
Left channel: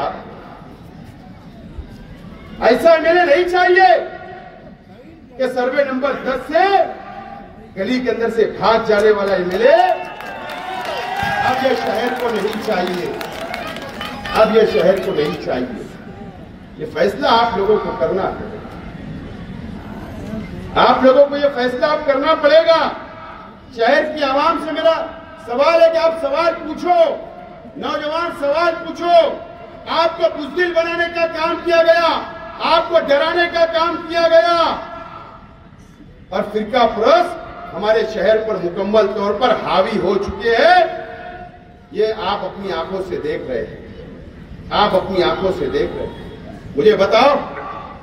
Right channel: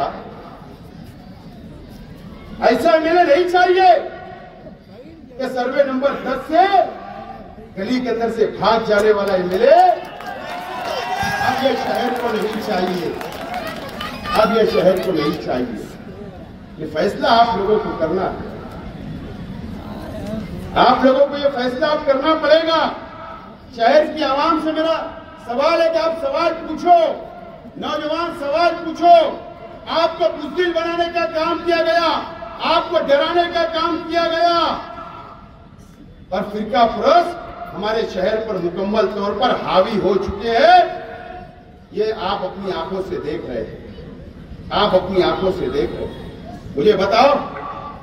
ऐसा एमएलए नहीं चाहिए कि सर्वे नंबर 10 से गली के अंदर से भाग जाने वाला एमएलए अब ये शहर को नहीं चाहिए, अब ये शहर को नहीं चाहिए। ये फैसला आप लोगों को करना है, आप लोगों को ये फैसला आप करना पड़ेगा। शहर की आवाम से मेरा सवाल है कि आप सवाल पूछो, नौजवान सवाल पूछो। आपको बुज़दिल बनाने का काम किया गया, आपको डराने का काम किया गया और फिरका फरोश हमारे शहर पर मुकम्मल तौर पर हावी हो चुके हैं। ये आप अपनी आंखों से देख रहे हैं, आप अपनी आंखों से देख रहे हैं। मुझे बताओ,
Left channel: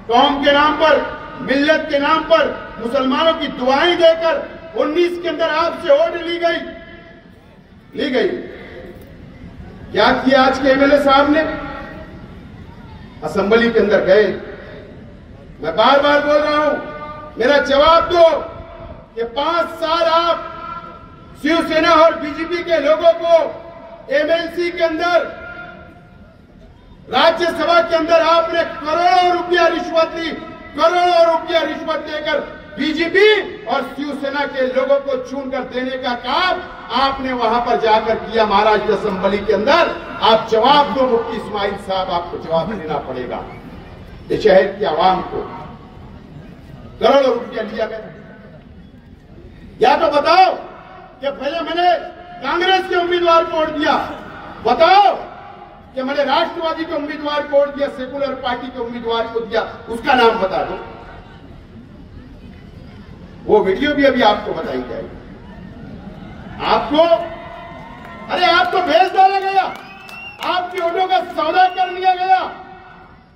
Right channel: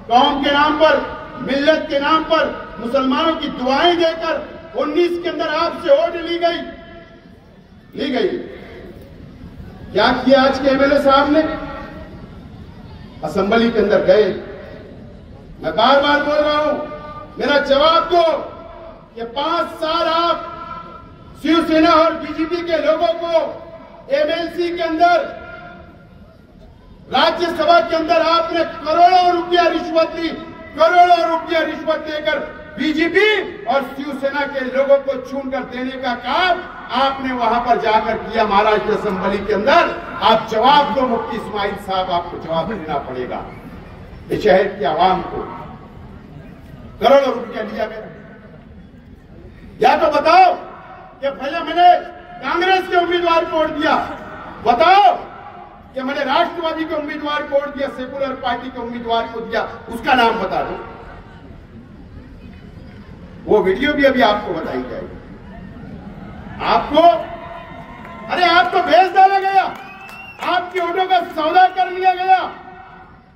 कौम के नाम पर, मिल्लत के नाम पर मुसलमानों की दुआएं देकर 19 के अंदर आपसे वोट ली गई। क्या किया आज के एमएलए साहब ने? असेंबली के अंदर गए। मैं बार बार बोल रहा हूं, मेरा जवाब दो कि 5 साल आप शिवसेना और बीजेपी के लोगों को एमएलसी के अंदर, राज्यसभा के अंदर आपने करोड़ों रुपया रिश्वत ली, करोड़ों रुपया रिश्वत देकर बीजेपी और शिवसेना के लोगों को चुनकर देने का काम आपने वहां पर जाकर किया महाराष्ट्र असेंबली के अंदर। आप जवाब दो मुफ्ती इस्माइल साहब, आपको जवाब देना पड़ेगा। इस शहर की आवाम को करोड़ों रुपया लिया गया। या तो बताओ कि पहले मैंने कांग्रेस के उम्मीदवार को वोट दिया, बताओ कि मैंने राष्ट्रवादी के उम्मीदवार को वोट दिया, सेकुलर पार्टी के उम्मीदवार को दिया, उसका नाम बता दो। वो वीडियो भी अभी आपको बताई जाएगी। आपको, अरे आपको भेज डाला गया, आपके वोटों का सौदा कर लिया गया।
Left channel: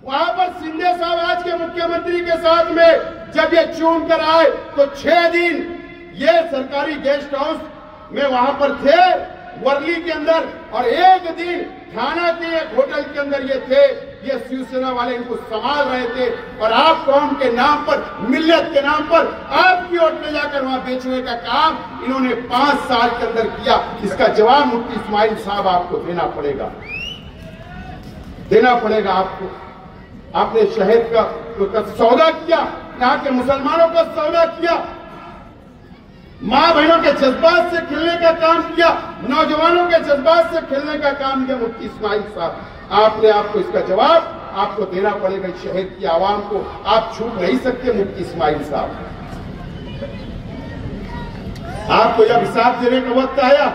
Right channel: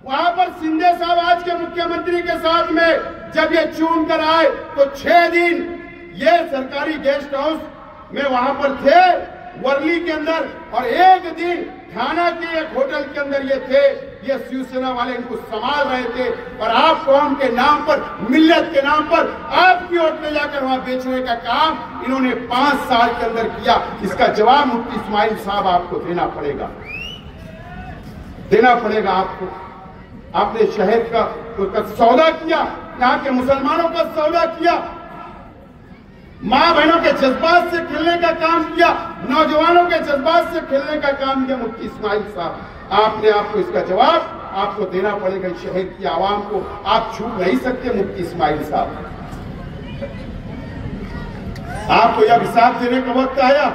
वहां पर शिंदे साहब आज के मुख्यमंत्री के साथ में जब ये चुन कर आए तो 6 दिन ये सरकारी गेस्ट हाउस में वहां पर थे वर्ली के अंदर, और 1 दिन थाना के एक होटल के अंदर ये थे। ये शिवसेना वाले इनको संभाल रहे थे और आप कौम के नाम पर, मिल्लत के नाम पर आपकी वोट ले जाकर वहां बेचने का काम इन्होंने 5 साल के अंदर किया। इसका जवाब मुफ्ती इस्माइल साहब आपको देना पड़ेगा, देना पड़ेगा आपको। आपने शहर का सौदा किया, यहाँ के मुसलमानों का सौदा किया, मां बहनों के जज्बात से खेलने का काम किया, नौजवानों के जज्बात से खेलने का काम किया मुफ्ती इस्माइल साहब। आपने आपको इसका जवाब आपको देना पड़ेगा। शहर की आवाम को आप छूट नहीं सकते मुफ्ती इस्माइल साहब। आपको जब हिसाब देने का वक्त आया,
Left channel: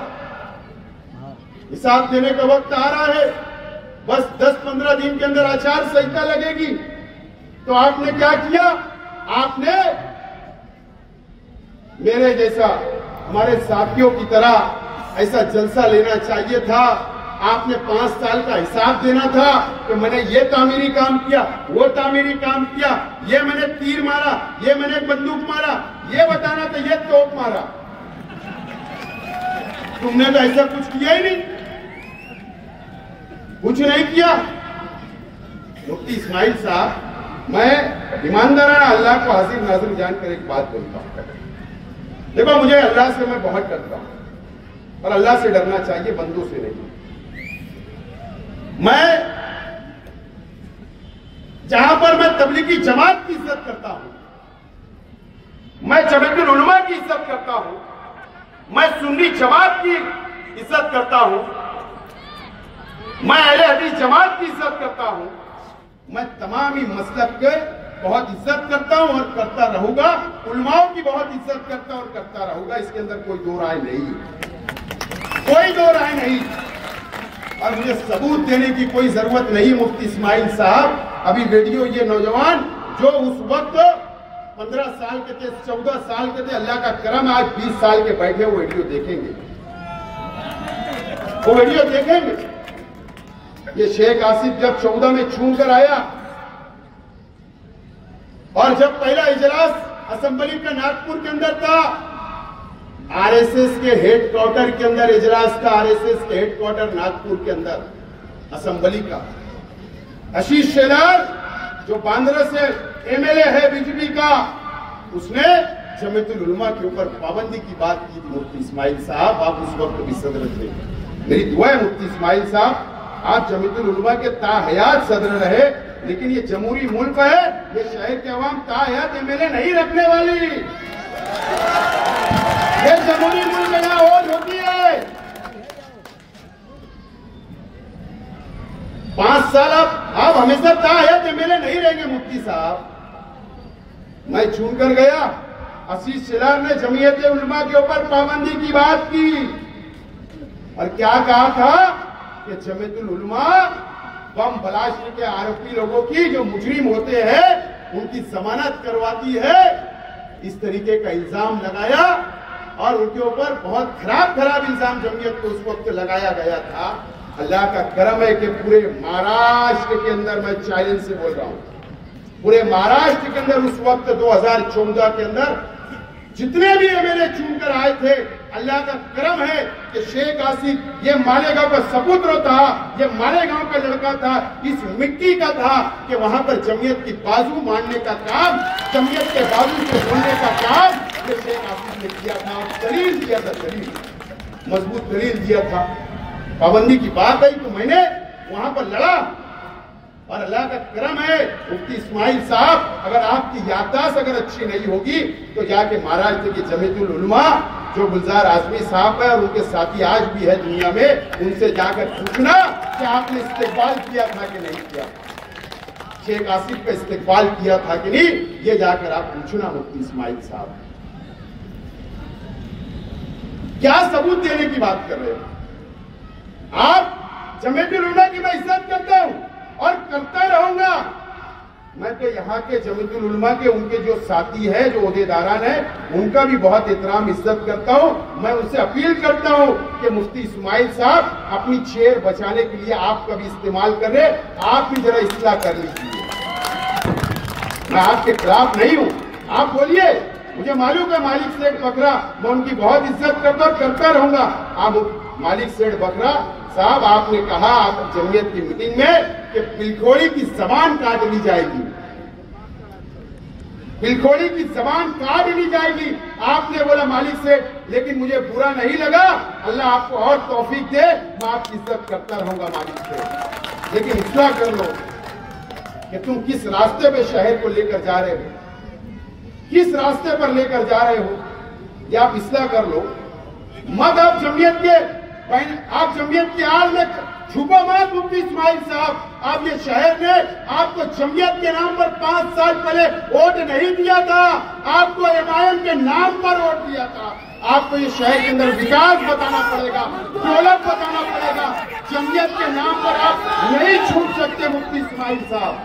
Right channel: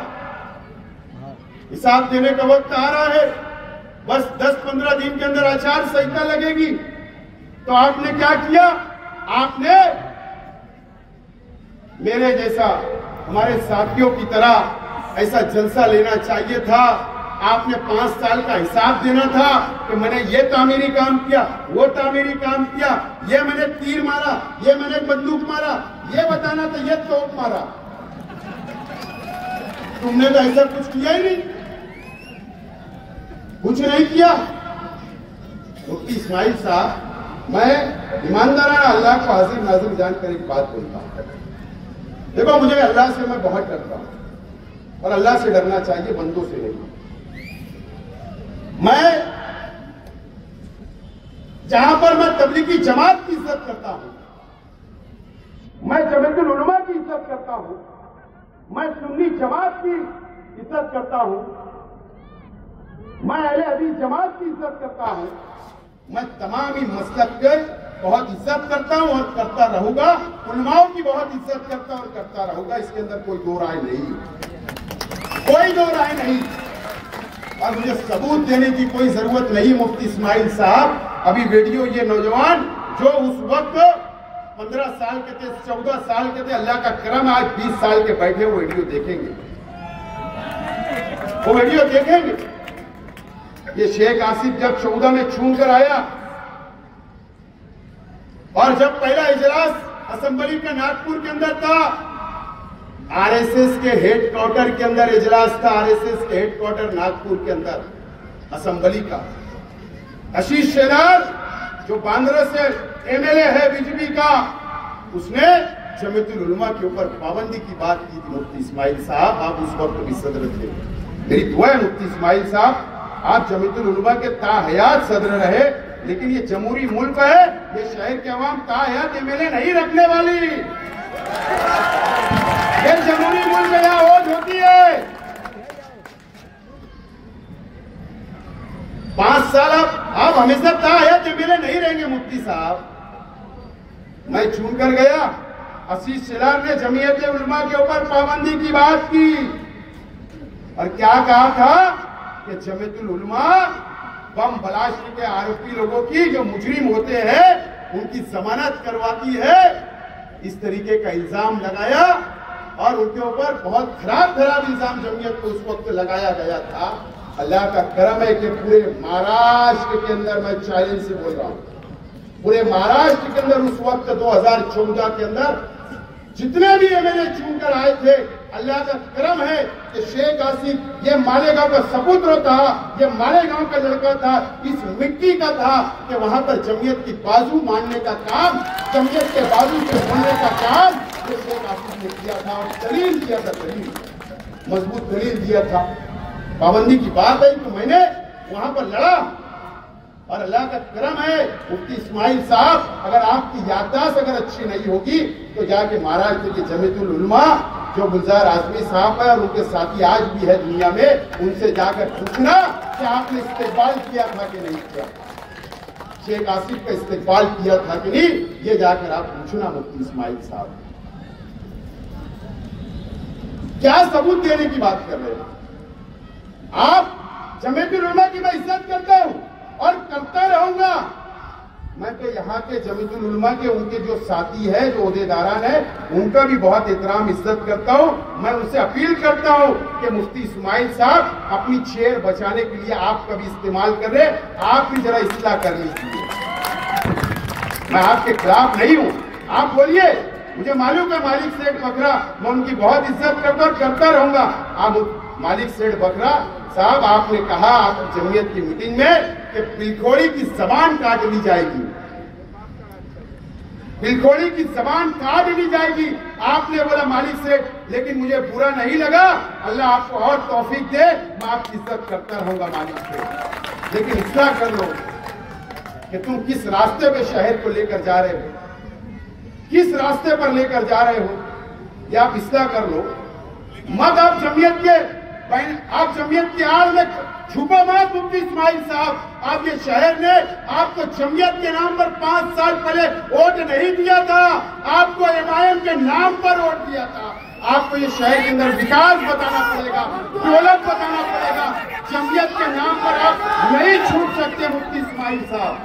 हिसाब देने का वक्त आ रहा है, बस 10-15 दिन के अंदर आचार संहिता लगेगी, तो आपने क्या किया? आपने मेरे जैसा, हमारे साथियों की तरह ऐसा जलसा लेना चाहिए था। आपने 5 साल का हिसाब देना था कि मैंने ये तामीरी काम किया, वो तामीरी काम किया, ये मैंने तीर मारा, ये मैंने बंदूक मारा, ये बताना था, ये तोप मारा। तुमने तो ऐसा कुछ किया ही नहीं, कुछ नहीं किया। मुफ्ती इस्माइल साहब, मैं ईमानदाराना अल्लाह को हाजिर नाज़िर जानकर एक बात बोलता हूं। देखो, मुझे अल्लाह से मैं बहुत डरता हूं और अल्लाह से डरना चाहिए, बंदों से नहीं। मैं जहां पर मैं तबलीगी जमात की इज्जत करता हूं, मैं जमीयतुल उलमा की इज्जत करता हूं, मैं सुन्नी जमात की इज्जत करता हूं, मैं अहले हदीस जमात की इज्जत करता हूं, मैं तमाम ही मसलक के बहुत इज्जत करता हूं और करता रहूंगा, उलमाओं की बहुत इज्जत करता और करता रहूंगा, इसके अंदर कोई दो राय नहीं, कोई दो राय नहीं। और मुझे सबूत देने की कोई जरूरत नहीं। मुफ्ती इस्माइल साहब अभी वीडियो, ये नौजवान जो उस वक्त 15 साल के थे, 14 साल के थे, अल्लाह का करम आज 20 साल के बैठे, वो वीडियो देखेंगे, वो वीडियो देखेंगे। ये शेख आसिफ जब 14 में छूट कर आया और जब पहला इजलास असेंबली का नागपुर के अंदर था, आरएसएस के हेडक्वार्टर के अंदर इजलास था, आरएसएस के हेडक्वार्टर नागपुर के अंदर असेंबली का। आशीष शेलार जो बांद्रा से एमएलए है बीजेपी का, उसने जमीयतुल उलमा के ऊपर पाबंदी की बात की थी। मुफ्ती इस्माइल साहब, आप उस वक्त भी सदर थे, मेरी दुआ है मुफ्ती इस्माइल साहब, आप जमीयतुल उलमा के ताहयात सदर रहे, लेकिन ये जमहूरी मुल्क है, ये शहर के अवाम ताहयात एमएलए नहीं रखने वाली। ये जमहूरी मुल्क में वोट होती है। 5 साल आप हमेशा ताहयात एमएलए नहीं रहेंगे मुफ्ती साहब। मैं चुन कर गया, आशीष शेलार ने जमीयत उलमा के ऊपर पाबंदी की बात की और क्या कहा था कि जमीयतुल उलमा बम ब्लास्ट के आरोपी लोगों की, जो मुजरिम होते हैं, उनकी जमानत करवाती है, इस तरीके का इल्जाम लगाया और उनके ऊपर बहुत खराब इल्जाम जमीयत को उस वक्त लगाया गया था। अल्लाह का करम है कि पूरे महाराष्ट्र के अंदर, मैं चैलेंज से बोल रहा हूं, पूरे महाराष्ट्र के अंदर उस वक्त 2014 के अंदर जितने भी एमएलए चुनकर आए थे, अल्लाह का करम है कि शेख आसिफ ये मालेगांव का सपुत्र था, ये मालेगांव का लड़का था, इस मिट्टी का था कि वहां पर जमीयत की बाजू मारने का काम, जमीयत के बाजू से बोलने का काम ये शेख आसिफ ने किया था। दलील दिया था, दलील, मजबूत दलील दिया था। पाबंदी की बात है तो मैंने वहां पर लड़ा और अल्लाह का करम है मुफ्ती इस्माइल साहब, अगर आपकी याददाश्त अगर अच्छी नहीं होगी तो जाके महाराष्ट्र की जमीयतुल उलमा जो गुलजार आजमी साहब है और उनके साथी आज भी है दुनिया में, उनसे जाकर पूछना कि आपने इस्तेकबाल किया था कि नहीं किया, शेख आसिफ का इस्तेकबाल किया था कि नहीं, ये जाकर आप पूछना मुफ्ती इस्माइल साहब। क्या सबूत देने की बात कर रहे हैं आप? जमीयतुल उलमा की मैं इज्जत करता हूं और करता रहूंगा। मैं तो यहाँ के जमीयतुल उलमा के उनके जो साथी है, जो ओहदेदारान है, उनका भी बहुत एहतराम इज्जत करता हूँ। मैं उनसे अपील करता हूँ कि मुफ्ती इस्माइल साहब अपनी चेयर बचाने के लिए आपका भी इस्तेमाल कर रहे, आप भी जरा इस्लाह कर लीजिए। मैं आपके खिलाफ नहीं हूँ, आप बोलिए, मुझे मालूम है मालिक सेठ बकरा, मैं उनकी बहुत इज्जत करता रहूंगा। आप मालिक सेठ बकरा साहब, आपने कहा आप जमीयत की मीटिंग में कि बिलखोरी की जबान काट ली जाएगी, बिलखोरी की जबान काट ली जाएगी, आपने बोला मालिक सेठ, लेकिन मुझे बुरा नहीं लगा, अल्लाह आपको और तौफीक दे, मैं आपकी इज्जत करता रहूंगा मालिक सेठ, लेकिन इतना कर लो कि तुम किस रास्ते पे शहर को लेकर जा रहे हो, किस रास्ते पर लेकर जा रहे हो, या आप इस्लाह कर लो। मत आप जमीयत की आड़ में छुपो मत मुफ्ती इस्माइल साहब। आपके शहर ने आपको जमीयत के नाम पर 5 साल पहले वोट नहीं दिया था, आपको एमआईएम के नाम पर वोट दिया था। आपको ये शहर के अंदर विकास बताना पड़ेगा, दौलत बताना पड़ेगा। जमीयत के नाम पर आप नहीं छूट सकते मुफ्ती इस्माइल साहब,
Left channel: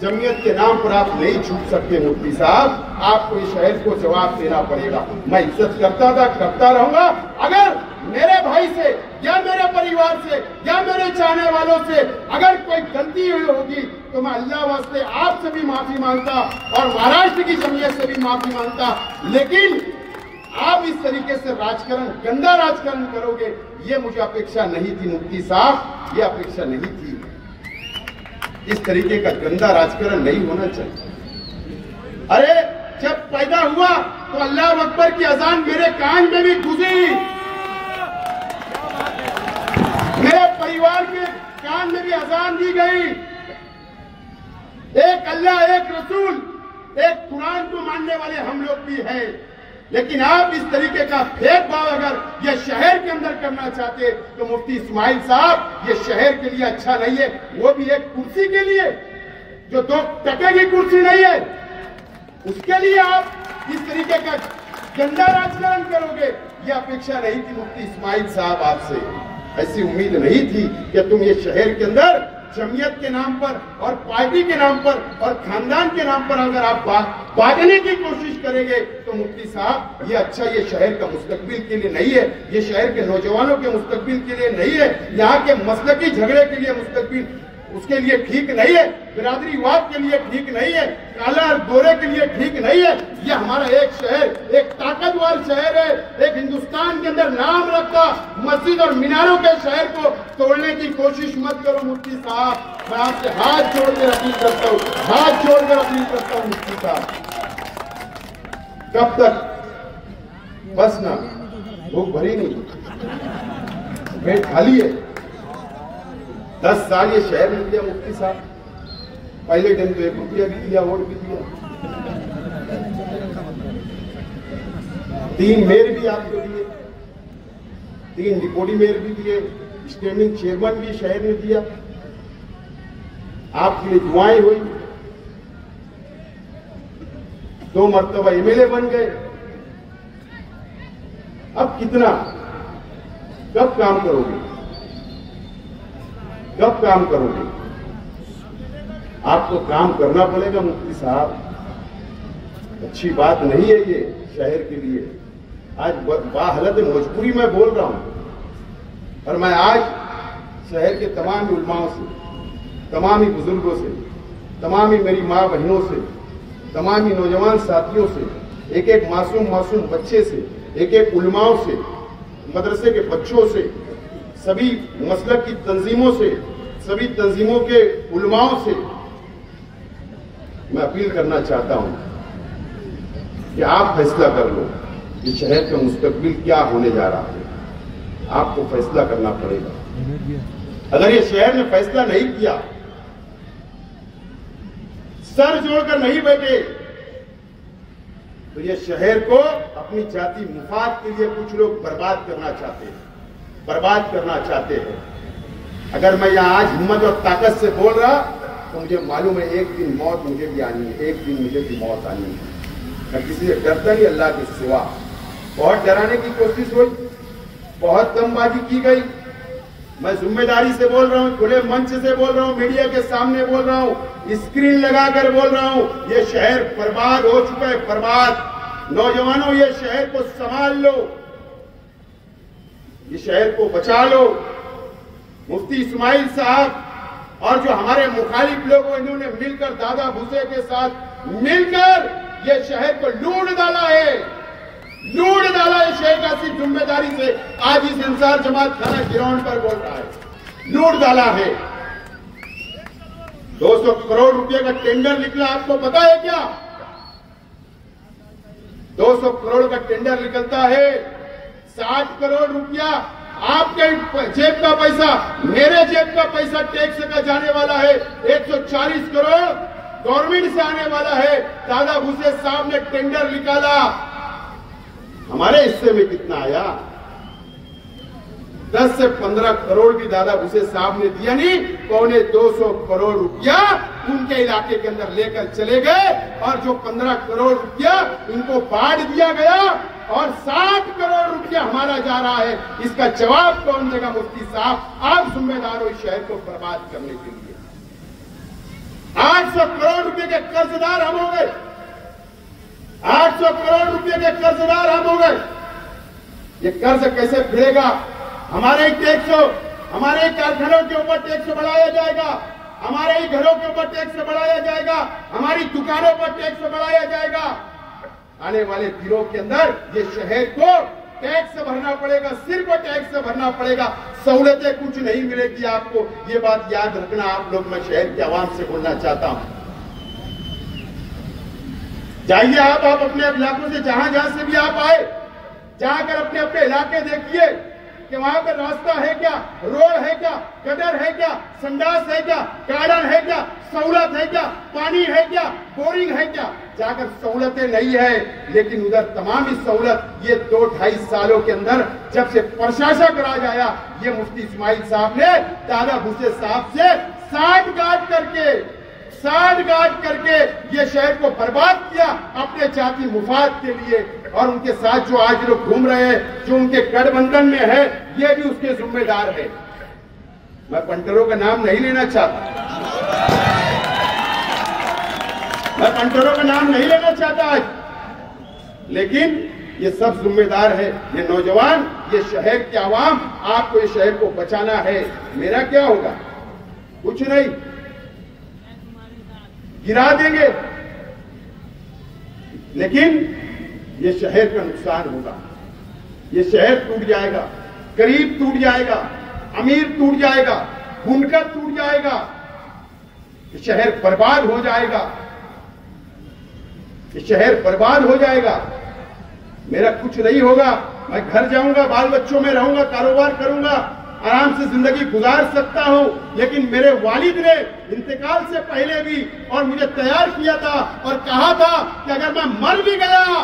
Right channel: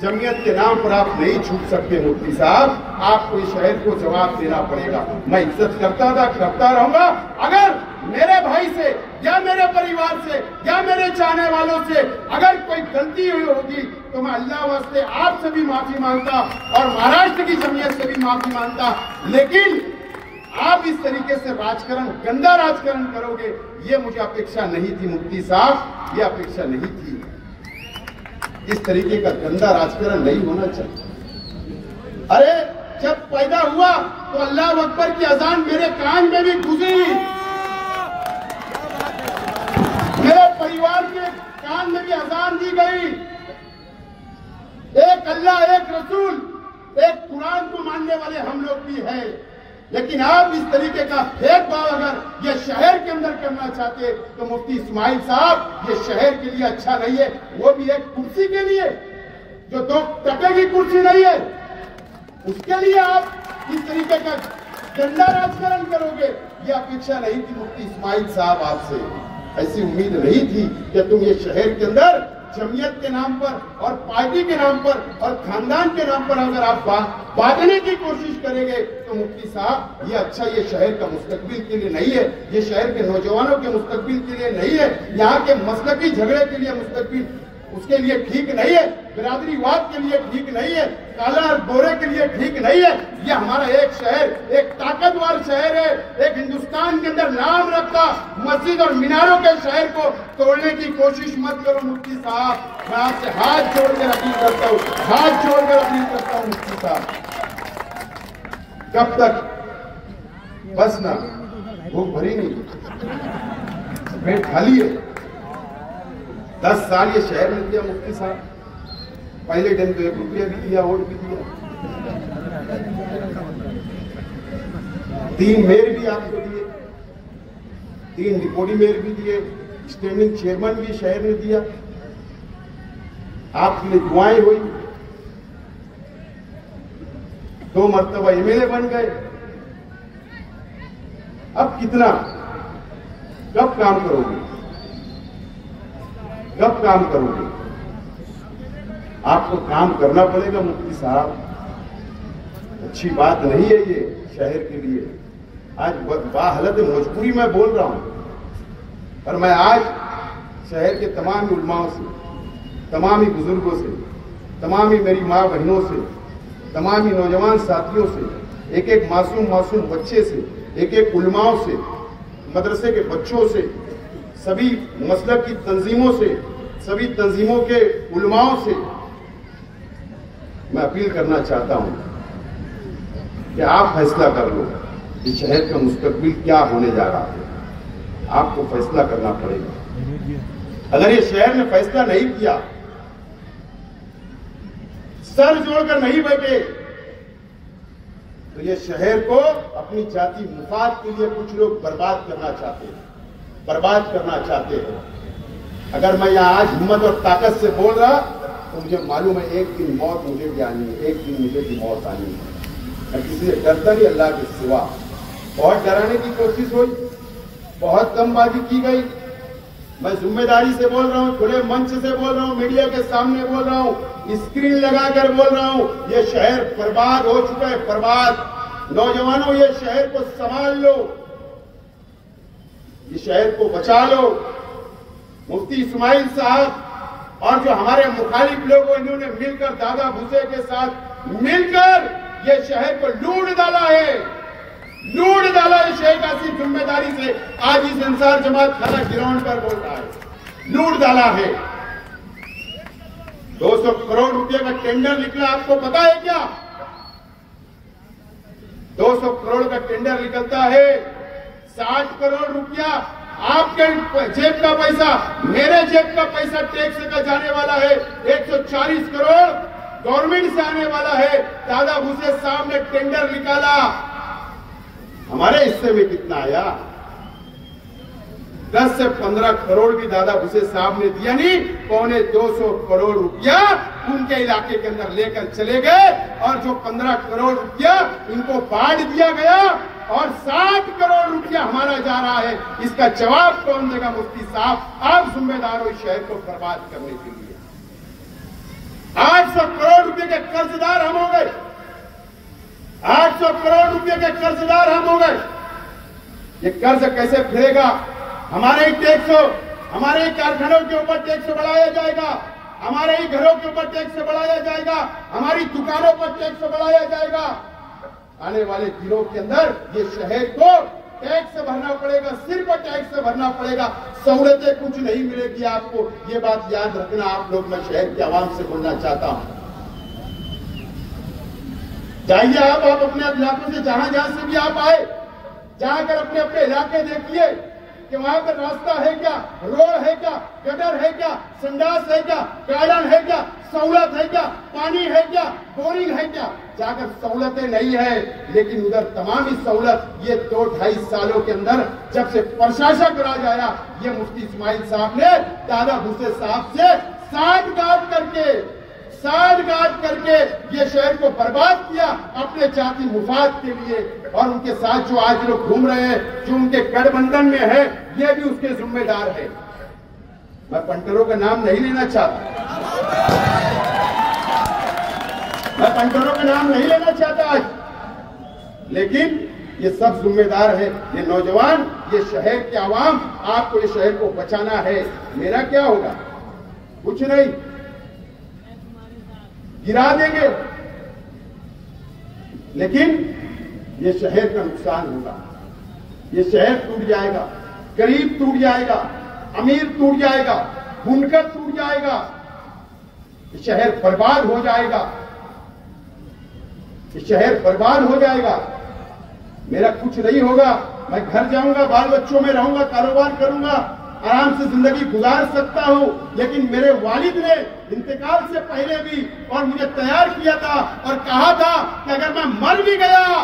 जमीयत के नाम पर आप नहीं छूट सकते मुफ्ती साहब, आपको इस शहर को जवाब देना पड़ेगा। मैं इज्जत करता था, करता रहूंगा। अगर मेरे भाई से या मेरे परिवार से या मेरे चाहने वालों से अगर कोई गलती हुई होगी तो मैं अल्लाह वास्ते आपसे भी माफी मांगता और महाराष्ट्र की जमीयत से भी माफी मांगता, लेकिन आप इस तरीके से राजकारण, गंदा राजकारण करोगे, ये मुझे अपेक्षा नहीं थी मुफ्ती साहब, ये अपेक्षा नहीं थी। इस तरीके का गंदा राजकारण नहीं होना चाहिए। अरे जब पैदा हुआ तो अल्लाह अकबर की अजान मेरे कान में भी गुजरी, मेरे परिवार के कान में भी अजान दी गई। एक अल्लाह, एक रसूल, एक कुरान को मानने वाले हम लोग भी हैं। लेकिन आप इस तरीके का भेदभाव अगर ये शहर के अंदर करना चाहते तो मुफ्ती इस्माइल साहब, ये शहर के लिए अच्छा नहीं है। वो भी एक कुर्सी के लिए, जो 2 टके की कुर्सी नहीं है, उसके लिए आप इस तरीके का गंदा राजकारण करोगे। ये अपेक्षा नहीं थी मुफ्ती इस्माइल साहब आपसे, ऐसी उम्मीद नहीं थी कि तुम ये शहर के अंदर जमीयत के नाम पर और पार्टी के नाम पर और खानदान के नाम पर अगर आप भागने की कोशिश करेंगे तो मुफ्ती साहब, ये अच्छा ये शहर का मुस्तकबिल के लिए नहीं है, ये शहर के नौजवानों के मुस्तकबिल के लिए नहीं है, यहाँ के मसलकी झगड़े के लिए मुस्तकबिल उसके लिए ठीक नहीं है, बिरादरीवाद के लिए ठीक नहीं है, काला और गोरे के लिए ठीक नहीं है। ये हमारा एक शहर, एक ताकतवर शहर है, एक हिंदुस्तान के अंदर नाम रखता मस्जिद और मीनारों के शहर को तोड़ने की कोशिश मत करो मुफ्ती साहब। मैं आपसे हाथ जोड़कर अपील करता हूँ, हाथ जोड़कर अपील करता हूँ मुफ्ती साहब। कब तक बस ना, भूख भरी नहीं, पेट खाली है। 10 साल ये शहर में दिया मुफ्ती साहब, पहले दिन तो 1 रुपया भी दिया, वोट भी दिया, 3 मेयर भी आपको दिए, 3 डिप्टी मेयर भी दिए, स्टैंडिंग चेयरमैन भी शहर ने दिया, आपके लिए दुआएं हुई, 2 मरतबा एमएलए बन गए। अब कितना, कब काम करोगे, कब काम करोगे? आपको काम करना पड़ेगा मुफ्ती साहब। अच्छी बात नहीं है ये शहर के लिए। आज बाहालत मजबूरी में बोल रहा हूं, और मैं आज शहर के तमाम उलमाओं से, तमाम ही बुजुर्गों से, तमाम ही मेरी माँ बहनों से, तमाम ही नौजवान साथियों से, एक एक मासूम बच्चे से, एक एक उलमाओं से, मदरसे के बच्चों से, सभी मसलक की तंजीमों से, सभी तंजीमों के उलमाओं से मैं अपील करना चाहता हूं कि आप फैसला कर लो कि शहर का मुस्तकबिल क्या होने जा रहा है। आपको फैसला करना पड़ेगा। अगर ये शहर ने फैसला नहीं किया, सर जोड़कर नहीं बैठे, तो ये शहर को अपनी जाति मुफाद के लिए कुछ लोग बर्बाद करना चाहते हैं, बर्बाद करना चाहते हैं। अगर मैं यहाँ आज हिम्मत और ताकत से बोल रहा तो मुझे मालूम है एक दिन मौत मुझे भी आनी है, एक दिन मुझे भी मौत आनी है। मैं किसी से डरता नहीं अल्लाह के सिवा। बहुत डराने की कोशिश हुई, बहुत दमबाजी की गई। मैं जिम्मेदारी से बोल रहा हूँ, खुले मंच से बोल रहा हूँ, मीडिया के सामने बोल रहा हूँ, स्क्रीन लगाकर बोल रहा हूँ, ये शहर बर्बाद हो चुका है, बर्बाद। नौजवानों, ये शहर को संभाल लो, ये शहर को बचा लो। मुफ्ती इस्माइल साहब और जो हमारे मुखालिफ लोग, इन्होंने मिलकर दादा भूसे के साथ मिलकर ये शहर को लूट डाला है, लूट डाला है शहर का। सिर्फ जिम्मेदारी से आज इस इंसार जमात खाना ग्राउंड पर बोल रहा है, लूट डाला है। 200 करोड़ रुपए का टेंडर निकला, आपको पता है क्या? 200 करोड़ का टेंडर निकलता है, 60 करोड़ रुपया आपके जेब का पैसा, मेरे जेब का पैसा टैक्स का जाने वाला है। 140 करोड़ गवर्नमेंट से आने वाला है। दादा भूसे साहब ने टेंडर निकाला, हमारे हिस्से में कितना आया? 10 से 15 करोड़ भी दादा भूसे साहब ने दिया नहीं, 250 करोड़ रुपया उनके इलाके के अंदर लेकर चले गए, और जो 15 करोड़ रुपया इनको बांट दिया गया और 60 करोड़ रुपया हमारा जा रहा है। इसका जवाब कौन देगा? मुफ्ती साहब, आप जिम्मेदार हो शहर को बर्बाद करने के लिए। 800 करोड़ रुपए के कर्जदार हम हो गए, 800 करोड़ रुपए के कर्जदार हम हो गए। ये कर्ज कैसे फिरेगा? हमारे टैक्स, हमारे कारखानों के ऊपर टैक्स बढ़ाया जाएगा, हमारे ही घरों के ऊपर टैक्स बढ़ाया जाएगा, हमारी दुकानों पर टैक्स बढ़ाया जाएगा। आने वाले दिनों के अंदर ये शहर को टैक्स भरना पड़ेगा, सिर्फ टैक्स भरना पड़ेगा, सहूलतें कुछ नहीं मिलेगी आपको। ये बात याद रखना आप लोग। मैं शहर के आवाम से बोलना चाहता हूं, जाइए आप अपने इलाकों से जहां से भी आप आए, जाकर अपने अपने इलाके देखिए कि वहां पर रास्ता है क्या, रोड है क्या, गटर है क्या, संडास है क्या, गार्डन है क्या, सहूलत है क्या, पानी है क्या, बोरिंग है क्या। जाकर सहूलतें नहीं है, लेकिन उधर तमाम ही सहूलत ये 2-2.5 सालों के अंदर जब से प्रशासक राज आया, ये मुफ्ती इस्माइल साहब ने दादा भूसे साहब से साठगांठ करके ये शहर को बर्बाद किया अपने जाति मुफाद के लिए। और उनके साथ जो आज लोग घूम रहे हैं, जो उनके गठबंधन में है, ये भी उसके जिम्मेदार है। मैं पंटरों का नाम नहीं लेना चाहता आज, लेकिन ये सब जिम्मेदार है। ये नौजवान, ये शहर के आवाम, आपको ये शहर को बचाना है। मेरा क्या होगा? कुछ नहीं, गिरा देंगे, लेकिन ये शहर का नुकसान होगा। ये शहर टूट जाएगा, गरीब टूट जाएगा, अमीर टूट जाएगा, बुनकर टूट जाएगा, ये शहर बर्बाद हो जाएगा, ये शहर बर्बाद हो जाएगा। मेरा कुछ नहीं होगा, मैं घर जाऊंगा, बाल बच्चों में रहूंगा, कारोबार करूंगा, आराम से जिंदगी गुजार सकता हूं। लेकिन मेरे वालिद ने इंतकाल से पहले भी और मुझे तैयार किया था और कहा था कि अगर मैं मर भी गया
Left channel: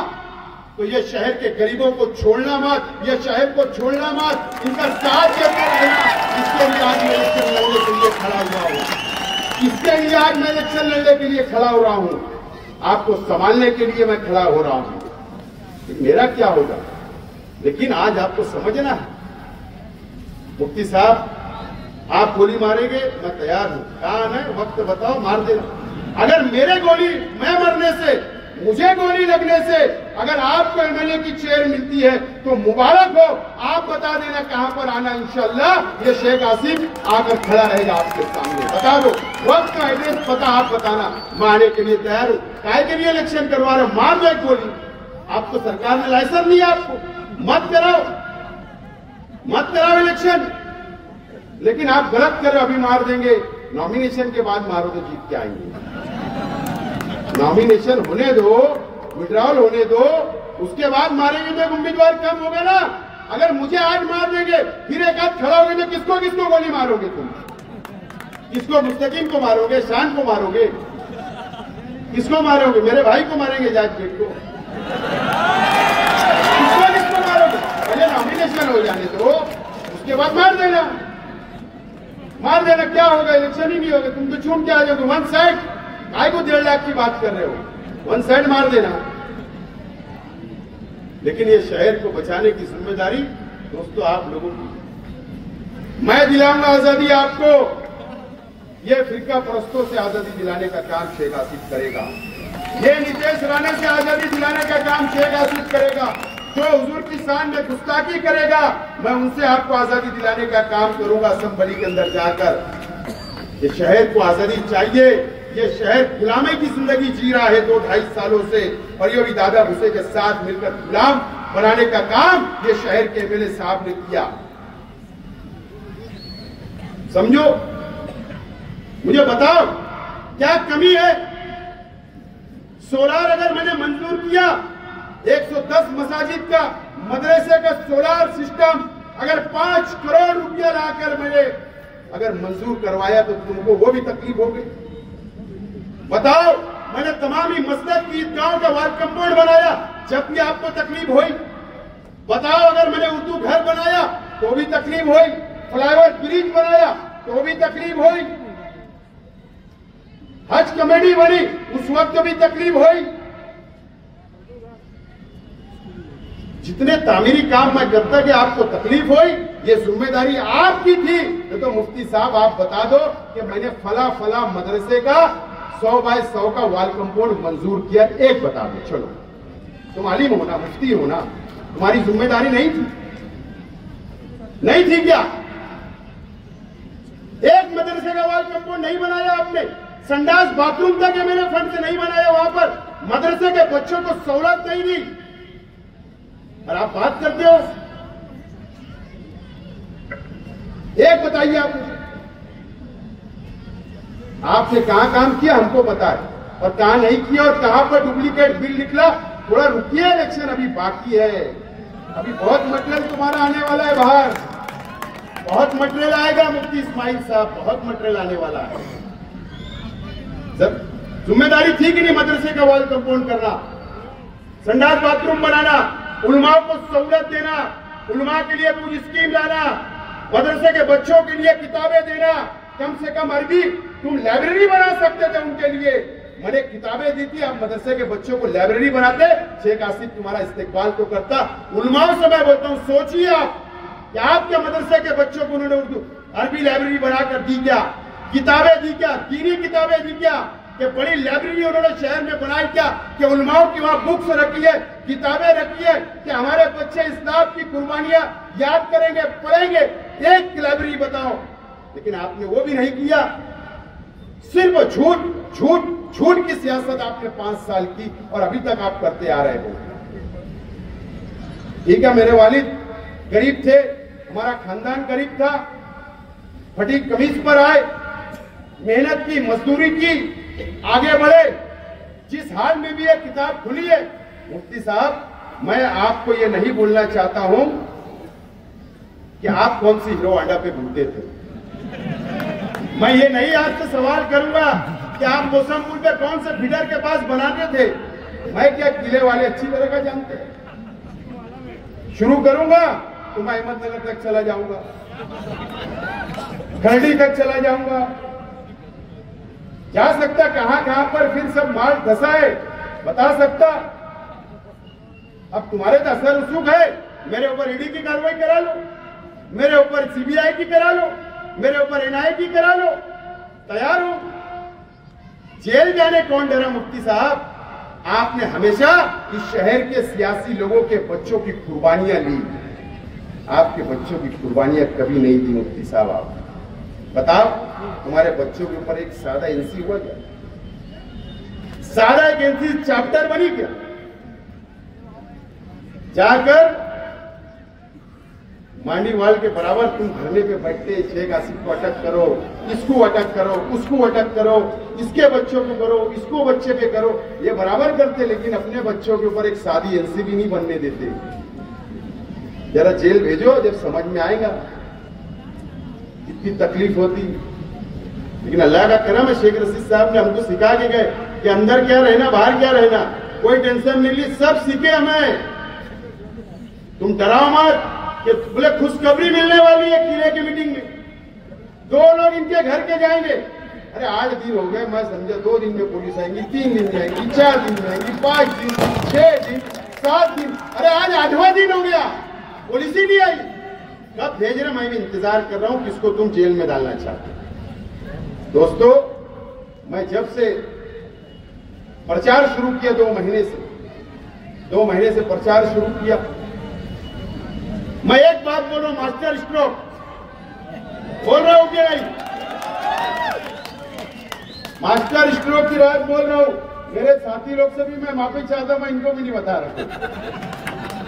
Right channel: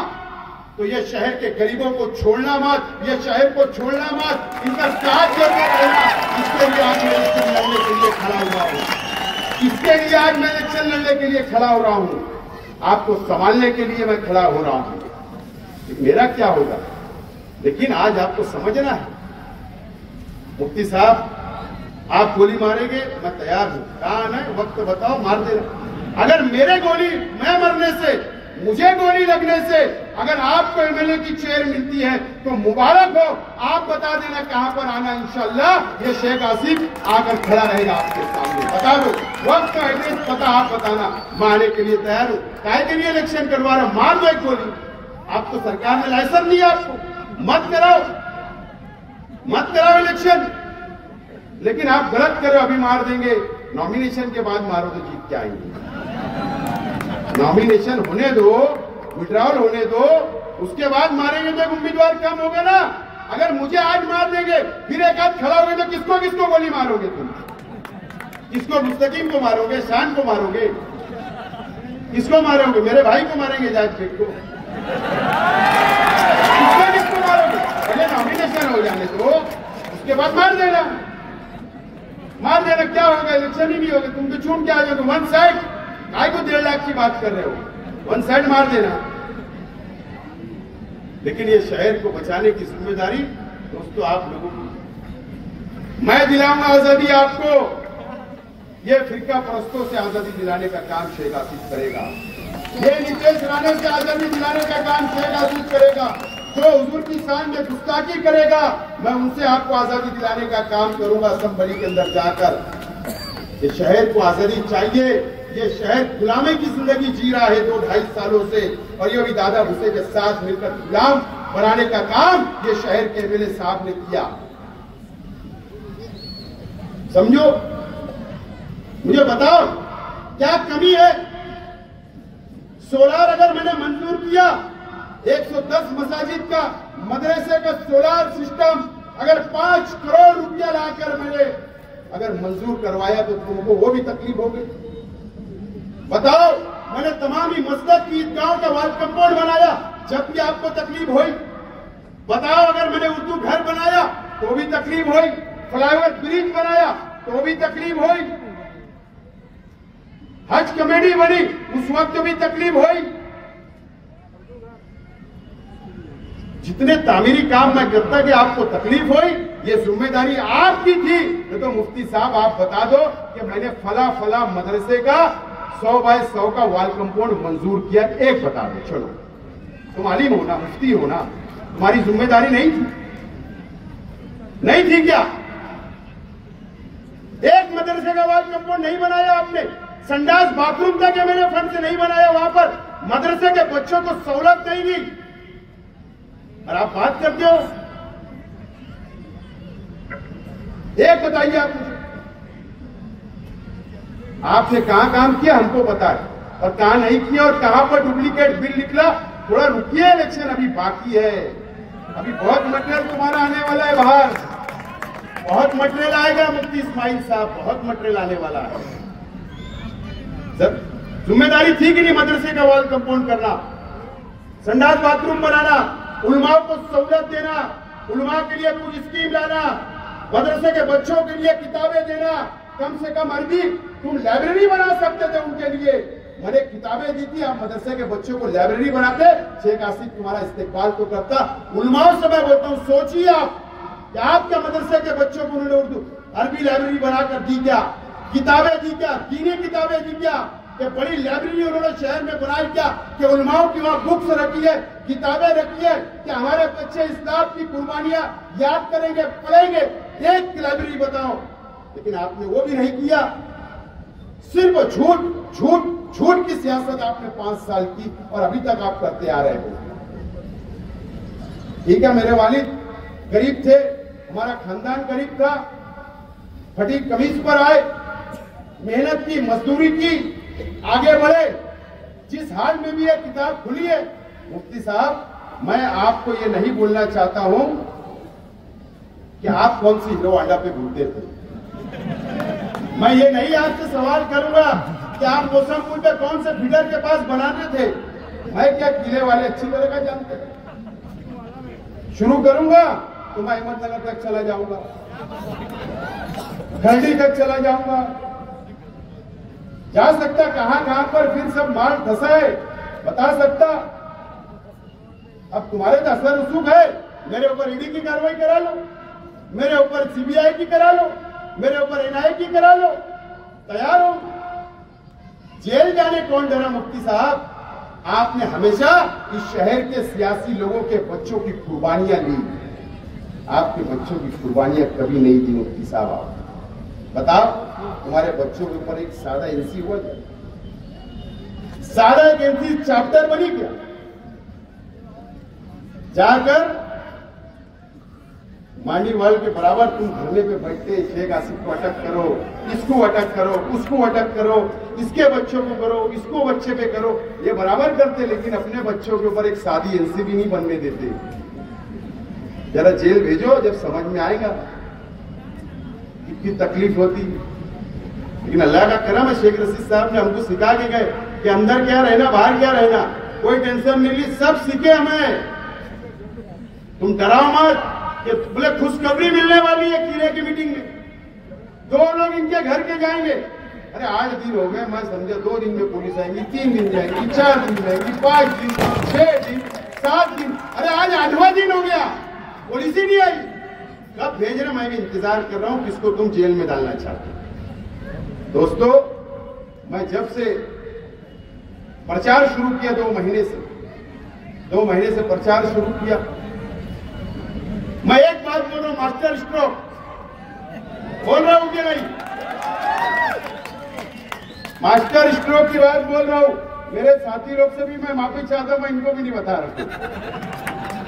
तो ये शहर के गरीबों को छोड़ना मत, ये शहर को छोड़ना मत, इनका साथ देते रहना। इसके लिए आज मैं इलेक्शन लड़ने के लिए खड़ा हुआ हूं, इसके लिए आज मैं इलेक्शन लड़ने के लिए खड़ा हो रहा हूं, आपको संभालने के लिए मैं खड़ा हो रहा हूं। मेरा क्या होगा? लेकिन आज आपको समझना है, मुफ्ती साहब आप गोली मारेंगे, मैं तैयार हूं, काम है, वक्त बताओ, मार देना। अगर मेरे गोली, मैं मरने से, मुझे गोली लगने से अगर आपको एमएलए की चेयर मिलती है तो मुबारक हो। आप बता देना कहां पर आना, इंशाअल्लाह ये शेख आसिफ आकर खड़ा रहेगा आपके सामने। बता दो वक्त का एड्रेस पता, आप बताना, मैं आने के लिए तैयार हूं। काहे के लिए इलेक्शन करवा रहा हूं? मार दो एक गोली, आपको सरकार ने लाइसेंस नहीं है, आपको मत कराओ इलेक्शन। लेकिन आप गलत करो, अभी मार देंगे, नॉमिनेशन के बाद मारो तो जीत के आएंगे। नॉमिनेशन होने दो, विड्रॉल होने दो, उसके बाद मारेंगे तो उम्मीदवार कम होगा ना। अगर मुझे आज मार देंगे, फिर एक हाथ खड़ा होंगे तो किसको गोली मारोगे तुम? किसको? मुस्तकीम को मारोगे, शान को मारोगे, किसको मारोगे? मेरे भाई को मारेंगे, जाज बेग को, किसको मारोगे? पहले नॉमिनेशन हो जाने दो, उसके बाद मार देना। क्या होगा? इलेक्शन ही नहीं होगा, तुम तो छूट के आ जाओगे। वन साइड, काय को 1.5 लाख की बात कर रहे हो? वन साइड मार देना। लेकिन ये शहर को बचाने की जिम्मेदारी दोस्तों आप लोगों की। मैं दिलाऊंगा आजादी आपको, ये फिरका परस्तों से आजादी दिलाने का काम शेख आसिफ करेगा। ये नीतीश राणे से आजादी दिलाने का काम शेख आसिफ करेगा। जो हुजूर की शान में गुस्ताखी करेगा, मैं उनसे आपको आजादी दिलाने का काम करूंगा असेंबली के अंदर जाकर। ये शहर को आजादी चाहिए। ये शहर गुलामी की जिंदगी जी रहा है 2-2.5 सालों से, और योगी दादा भूसे के साथ मिलकर गुलाम बनाने का काम ये शहर के एमएलए साहब ने किया। समझो, मुझे बताओ क्या कमी है? सोलार अगर मैंने मंजूर किया, 110 मसाजिद का, मदरसे का सोलार सिस्टम अगर 5 करोड़ रुपया लाकर मैंने अगर मंजूर करवाया तो तुमको वो भी तकलीफ होगी? बताओ, मैंने तमाम ही मस्जिद ईदगाहों का वार्ड कंपाउंड बनाया, जब भी आपको तकलीफ हुई? बताओ, अगर मैंने उर्दू घर बनाया तो भी तकलीफ हुई? फ्लाईओवर ब्रिज बनाया तो भी तकलीफ हुई? हज कमेटी बनी उस वक्त भी तकलीफ हुई? जितने तामीरी काम मैं करता कि आपको तकलीफ हुई, ये जिम्मेदारी आपकी थी। तो मुफ्ती साहब आप बता दो कि मैंने फला मदरसे का 100 बाय 100 का वॉल कंपाउंड मंजूर किया, एक बता दो। चलो, तुम आलिम होना, मुफ्ती होना, तुम्हारी जिम्मेदारी नहीं थी? नहीं थी क्या? एक मदरसे का वॉल कंपाउंड नहीं बनाया आपने? संडास बाथरूम तक मैंने फंड से नहीं बनाया, वहां पर मदरसे के बच्चों को सहूलत नहीं दी, और आप बात करते हो? एक बताइए आप मुझे, आपने कहां काम किया हमको बताए। और कहां नहीं किया और कहां पर डुप्लीकेट बिल निकला। थोड़ा रुकिए, इलेक्शन अभी बाकी है, अभी बहुत मटेरियल तुम्हारा आने वाला है बाहर, बहुत मटेरियल आएगा मुफ्ती इस्माइल साहब, बहुत मटेरियल आने वाला है। जिम्मेदारी थी कि नहीं मदरसे का वॉल कंपाउंड करना, संडास बाथरूम बनाना, उलमाओं को सहूलत देना, उलमा के लिए कुछ स्कीम लाना, मदरसे के बच्चों के लिए किताबें देना, कम से कम अरबी तुम लाइब्रेरी बना सकते थे उनके लिए। मैंने किताबें दी थी, आप मदरसे के बच्चों को लाइब्रेरी बनाते, शेख आसिफ तुम्हारा इस्तेकबाल तो करता। उलमाओं से मैं बोलता हूँ, सोचिए आप कि आपके मदरसे के बच्चों को उन्होंने उर्दू अरबी लाइब्रेरी बनाकर दी क्या, किताबें दी क्या, दीनी किताबें दी क्या, कि बड़ी लाइब्रेरी उन्होंने शहर में बनाई क्या, कि उलमाओं की वहां बुक्स रखी है, किताबें रखी है, कि हमारे बच्चे इस्लाम की कुर्बानियां याद करेंगे, पढ़ेंगे। एक लाइब्रेरी बताओ, लेकिन आपने वो भी नहीं किया। सिर्फ झूठ झूठ झूठ की सियासत आपने 5 साल की और अभी तक आप करते आ रहे हो। ठीक है, मेरे वालिद गरीब थे, हमारा खानदान गरीब था, फटी कमीज पर आए, मेहनत की, मजदूरी की, आगे बढ़े। जिस हाल में भी ये किताब खुली है, मुफ्ती साहब, मैं आपको ये नहीं बोलना चाहता हूं कि आप कौन सी हीरो अड्डा पे घूमते थे। मैं ये नहीं आपसे सवाल करूंगा कि आप मौसमपुर पे कौन से फीडर के पास बनाते थे। मैं क्या किले वाले अच्छी तरह का जानते हैं। शुरू करूंगा तो मैं अहमदनगर तक चला जाऊंगा, खरड़ी तक चला जाऊंगा, जा सकता कहां कहां पर फिर सब माल धसा है बता सकता। अब तुम्हारे तो असर रसूख है, मेरे ऊपर ईडी की कार्रवाई करा लो, मेरे ऊपर सीबीआई की करा लो, मेरे ऊपर एनआईए की करा लो, तैयार हो। जेल जाने कौन डरा मुफ्ती साहब? आपने हमेशा इस शहर के सियासी लोगों के बच्चों की कुर्बानियां ली, आपके बच्चों की कुर्बानियां कभी नहीं दी मुफ्ती साहब। आप बताओ, तुम्हारे बच्चों के ऊपर एक सादा एनसी हुआ क्या? सादा एक एनसी चैप्टर बनी क्या? जाकर मांडीवाल के बराबर तुम धरने पे बैठते, शेख आसिफ को अटक करो, इसको अटक करो, उसको अटक करो, इसके बच्चों को करो, इसको बच्चे पे करो, ये बराबर करते, लेकिन अपने बच्चों के ऊपर एक सादी एनसीबी नहीं बनने देते। जरा जेल भेजो, जब समझ में आएगा कितनी तकलीफ होती। लेकिन अल्लाह का करम है, शेख रशीद साहब ने हमको सिखा के गए कि अंदर क्या रहना, बाहर क्या रहना, कोई टेंशन नहीं ली, सब सीखे हमें। तुम डराओ मत कि बोले खुशखबरी मिलने वाली है किले की मीटिंग में, 2 लोग इनके घर के जाएंगे। अरे 8 दिन हो गए, मैं समझे 2 दिन में पुलिस आएंगी, 3 दिन जाएंगी, 4 दिन जाएंगी, 5 दिन, 6 दिन, 7 दिन, अरे आज 8वां दिन हो गया, पुलिस ही नहीं आई। कब भेज रहे? मैं भी इंतजार कर रहा हूं किसको तुम जेल में डालना चाहते हो। दोस्तों, मैं जब से प्रचार शुरू किया 2 महीने से प्रचार शुरू किया, मैं एक बात बोल रहा हूं, मास्टर स्ट्रोक बोल रहा हूं कि नहीं? मास्टर स्ट्रोक की बात बोल रहा हूं। मेरे साथी लोग से भी मैं माफी चाहता हूं, मैं इनको भी नहीं बता रहा,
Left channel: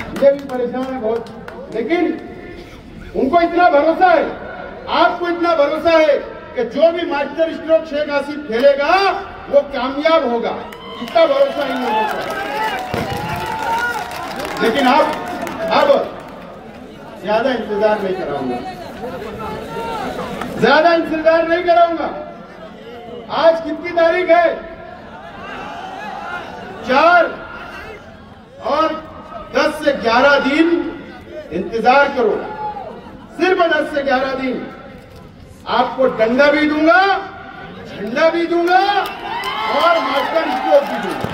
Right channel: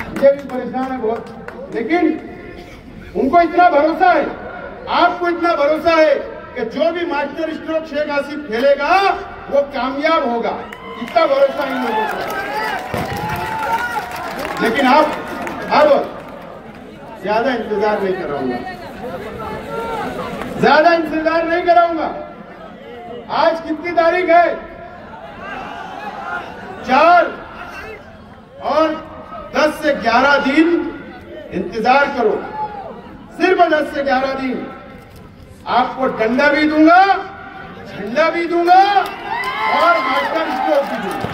मुझे भी परेशान है बहुत, लेकिन उनको इतना भरोसा है, आपको इतना भरोसा है कि जो भी मास्टर स्ट्रोक शेख आसिफ खेलेगा वो कामयाब होगा, इतना भरोसा इन लोगों को। लेकिन अब ज्यादा इंतजार नहीं कराऊंगा, ज्यादा इंतजार नहीं कराऊंगा। आज कितनी तारीख है? 4 और 10 से 11 दिन इंतजार करो, सिर्फ 10 से 11 दिन। आपको डंडा भी दूंगा, झंडा भी दूंगा और मास्टर स्ट्रोक भी दूंगा।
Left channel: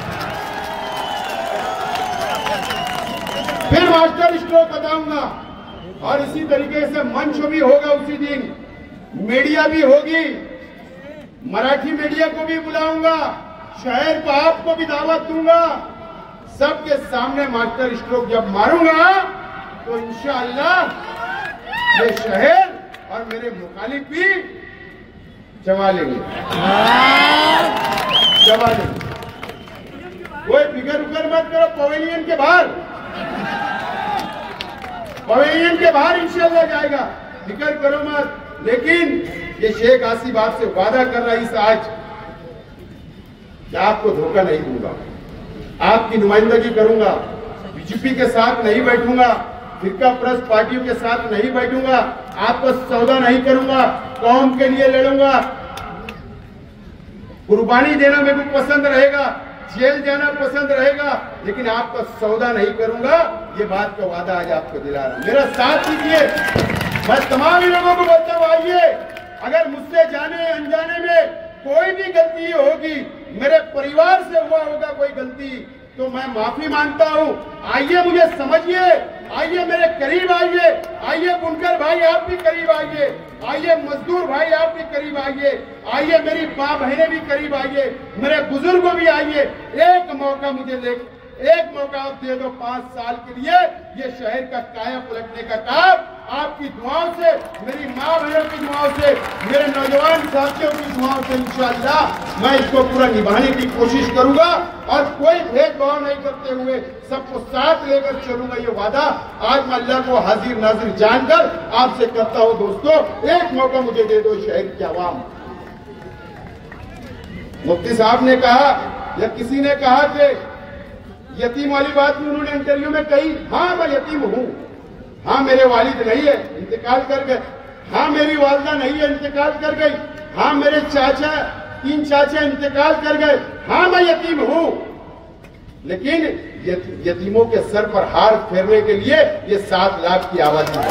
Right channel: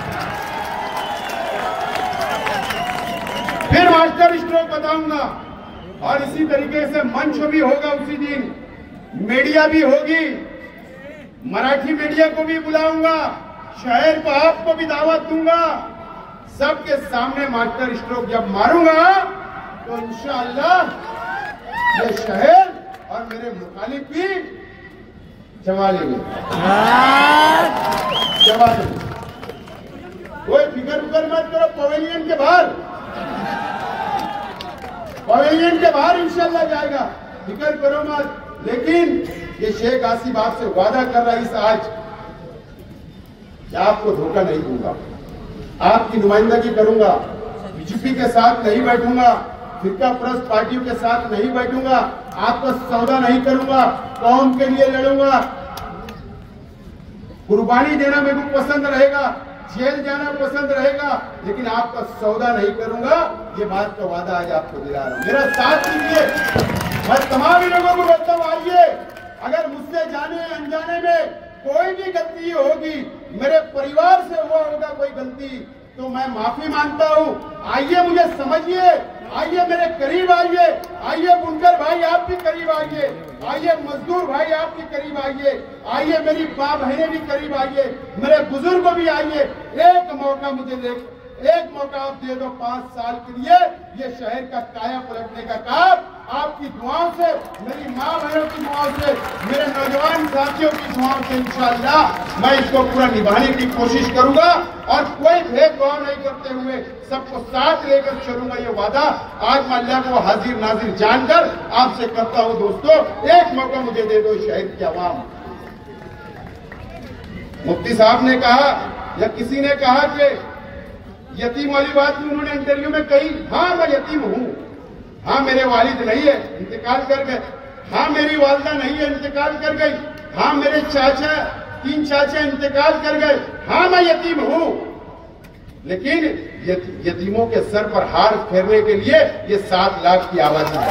फिर मास्टर स्ट्रोक बताऊंगा, और इसी तरीके से मंच भी होगा उसी दिन, मीडिया भी होगी, मराठी मीडिया को भी बुलाऊंगा, शहर का आपको भी दावत दूंगा। सबके सामने मास्टर स्ट्रोक जब मारूंगा तो इंशाअल्लाह ये शहर और मेरे मुखालिफ भी जमा लेंगे, जमा देंगे। कोई फिकर मत करो, पवेलियन के बाहर इंशाअल्लाह जाएगा, फिक्र करो मत। लेकिन ये शेख आसिफ आपसे वादा कर रहा है, इस आज कि आपको धोखा नहीं दूंगा, आपकी नुमाइंदगी करूंगा, बीजेपी के साथ नहीं बैठूंगा, फिरका प्रस्त पार्टियों के साथ नहीं बैठूंगा, आपको सौदा नहीं करूंगा, कौम के लिए लड़ूंगा, कुर्बानी देना मेरे को पसंद रहेगा, जेल जाना पसंद रहेगा, लेकिन आपका सौदा नहीं करूंगा। ये बात का वादा आज आपको दिला रहा हूं, मेरा साथ दीजिए। मैं तमाम लोगों को बोलता हूं, आइए, अगर मुझसे जाने अनजाने में कोई भी गलती होगी, मेरे परिवार से हुआ होगा कोई गलती, तो मैं माफी मांगता हूं। आइए, मुझे समझिए, आइए मेरे करीब आइए, आइए बुनकर भाई आप भी करीब आइए, आइए मजदूर भाई आप भी करीब आइए, आइए मेरी माँ बहनें भी करीब आइए, मेरे बुजुर्ग भी आइए। एक मौका मुझे दे, एक मौका आप दे दो 5 साल के लिए, ये शहर का काया पलटने का काम आपकी दुआओं से, मेरी माँ बहनों की दुआओं से, मेरे नौजवान साथियों की दुआओं से इंशाअल्लाह मैं इसको पूरा निभाने की कोशिश करूंगा और कोई भेदभाव नहीं करते हुए सबको साथ लेकर चलूंगा। ये वादा आज मैं अल्लाह को हाजिर नाजिर जानकर आपसे करता हूं। दोस्तों, एक मौका मुझे दे दो शहर की आवाम। मुफ्ती साहब ने कहा या किसी ने कहा कि यतीम वाली बात भी उन्होंने इंटरव्यू में कही। हाँ, मैं यतीम हूं, हाँ मेरे वालिद नहीं है, इंतकाल कर गए, हाँ मेरी वालदा नहीं है, इंतकाल कर गई, हाँ मेरे चाचा 3 चाचा इंतकाल कर गए, हाँ मैं यतीम हूं, लेकिन यतीमों के सर पर हाथ फेरने के लिए ये 7 लाख की आबादी है।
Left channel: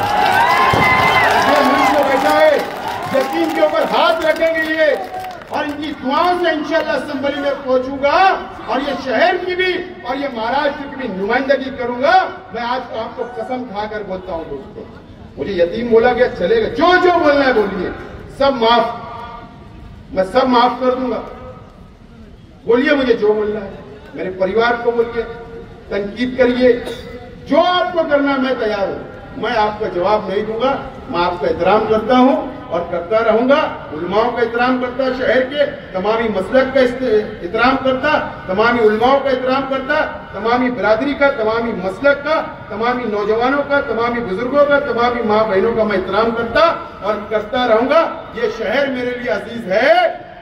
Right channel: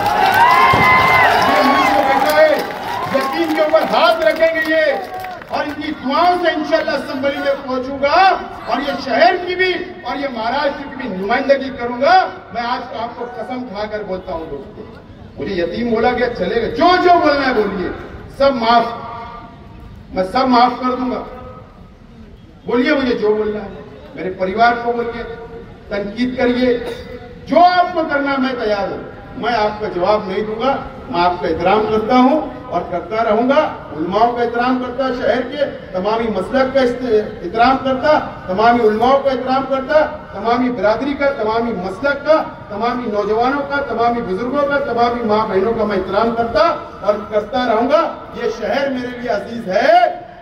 मुल्क को बचाए, यतीम के ऊपर हाथ रखेंगे ये, और इनकी दुआओं से इंशाअल्लाह असेंबली में पहुंचूंगा और ये शहर की भी और ये महाराष्ट्र की भी नुमाइंदगी करूंगा। मैं आज तो आपको कसम खाकर बोलता हूं दोस्तों, मुझे यतीम बोला गया चलेगा, जो जो बोलना है बोलिए, सब माफ, मैं सब माफ कर दूंगा। बोलिए मुझे जो बोलना है, मेरे परिवार को बोलिए, तनकीद करिए, जो आपको करना मैं तैयार हूं। मैं आपका जवाब नहीं दूंगा, मैं आपका एहतराम करता हूं और करता रहूंगा। उलमाओं का एहतराम करता, शहर के तमामी मसलक का एहतराम करता, तमामी उलमाओं का एहतराम करता, तमामी बिरादरी का, तमामी मसलक का, तमामी नौजवानों का, तमामी बुजुर्गों का, तमामी माँ बहनों का मैं एहतराम करता और करता रहूंगा। ये शहर मेरे लिए अजीज है,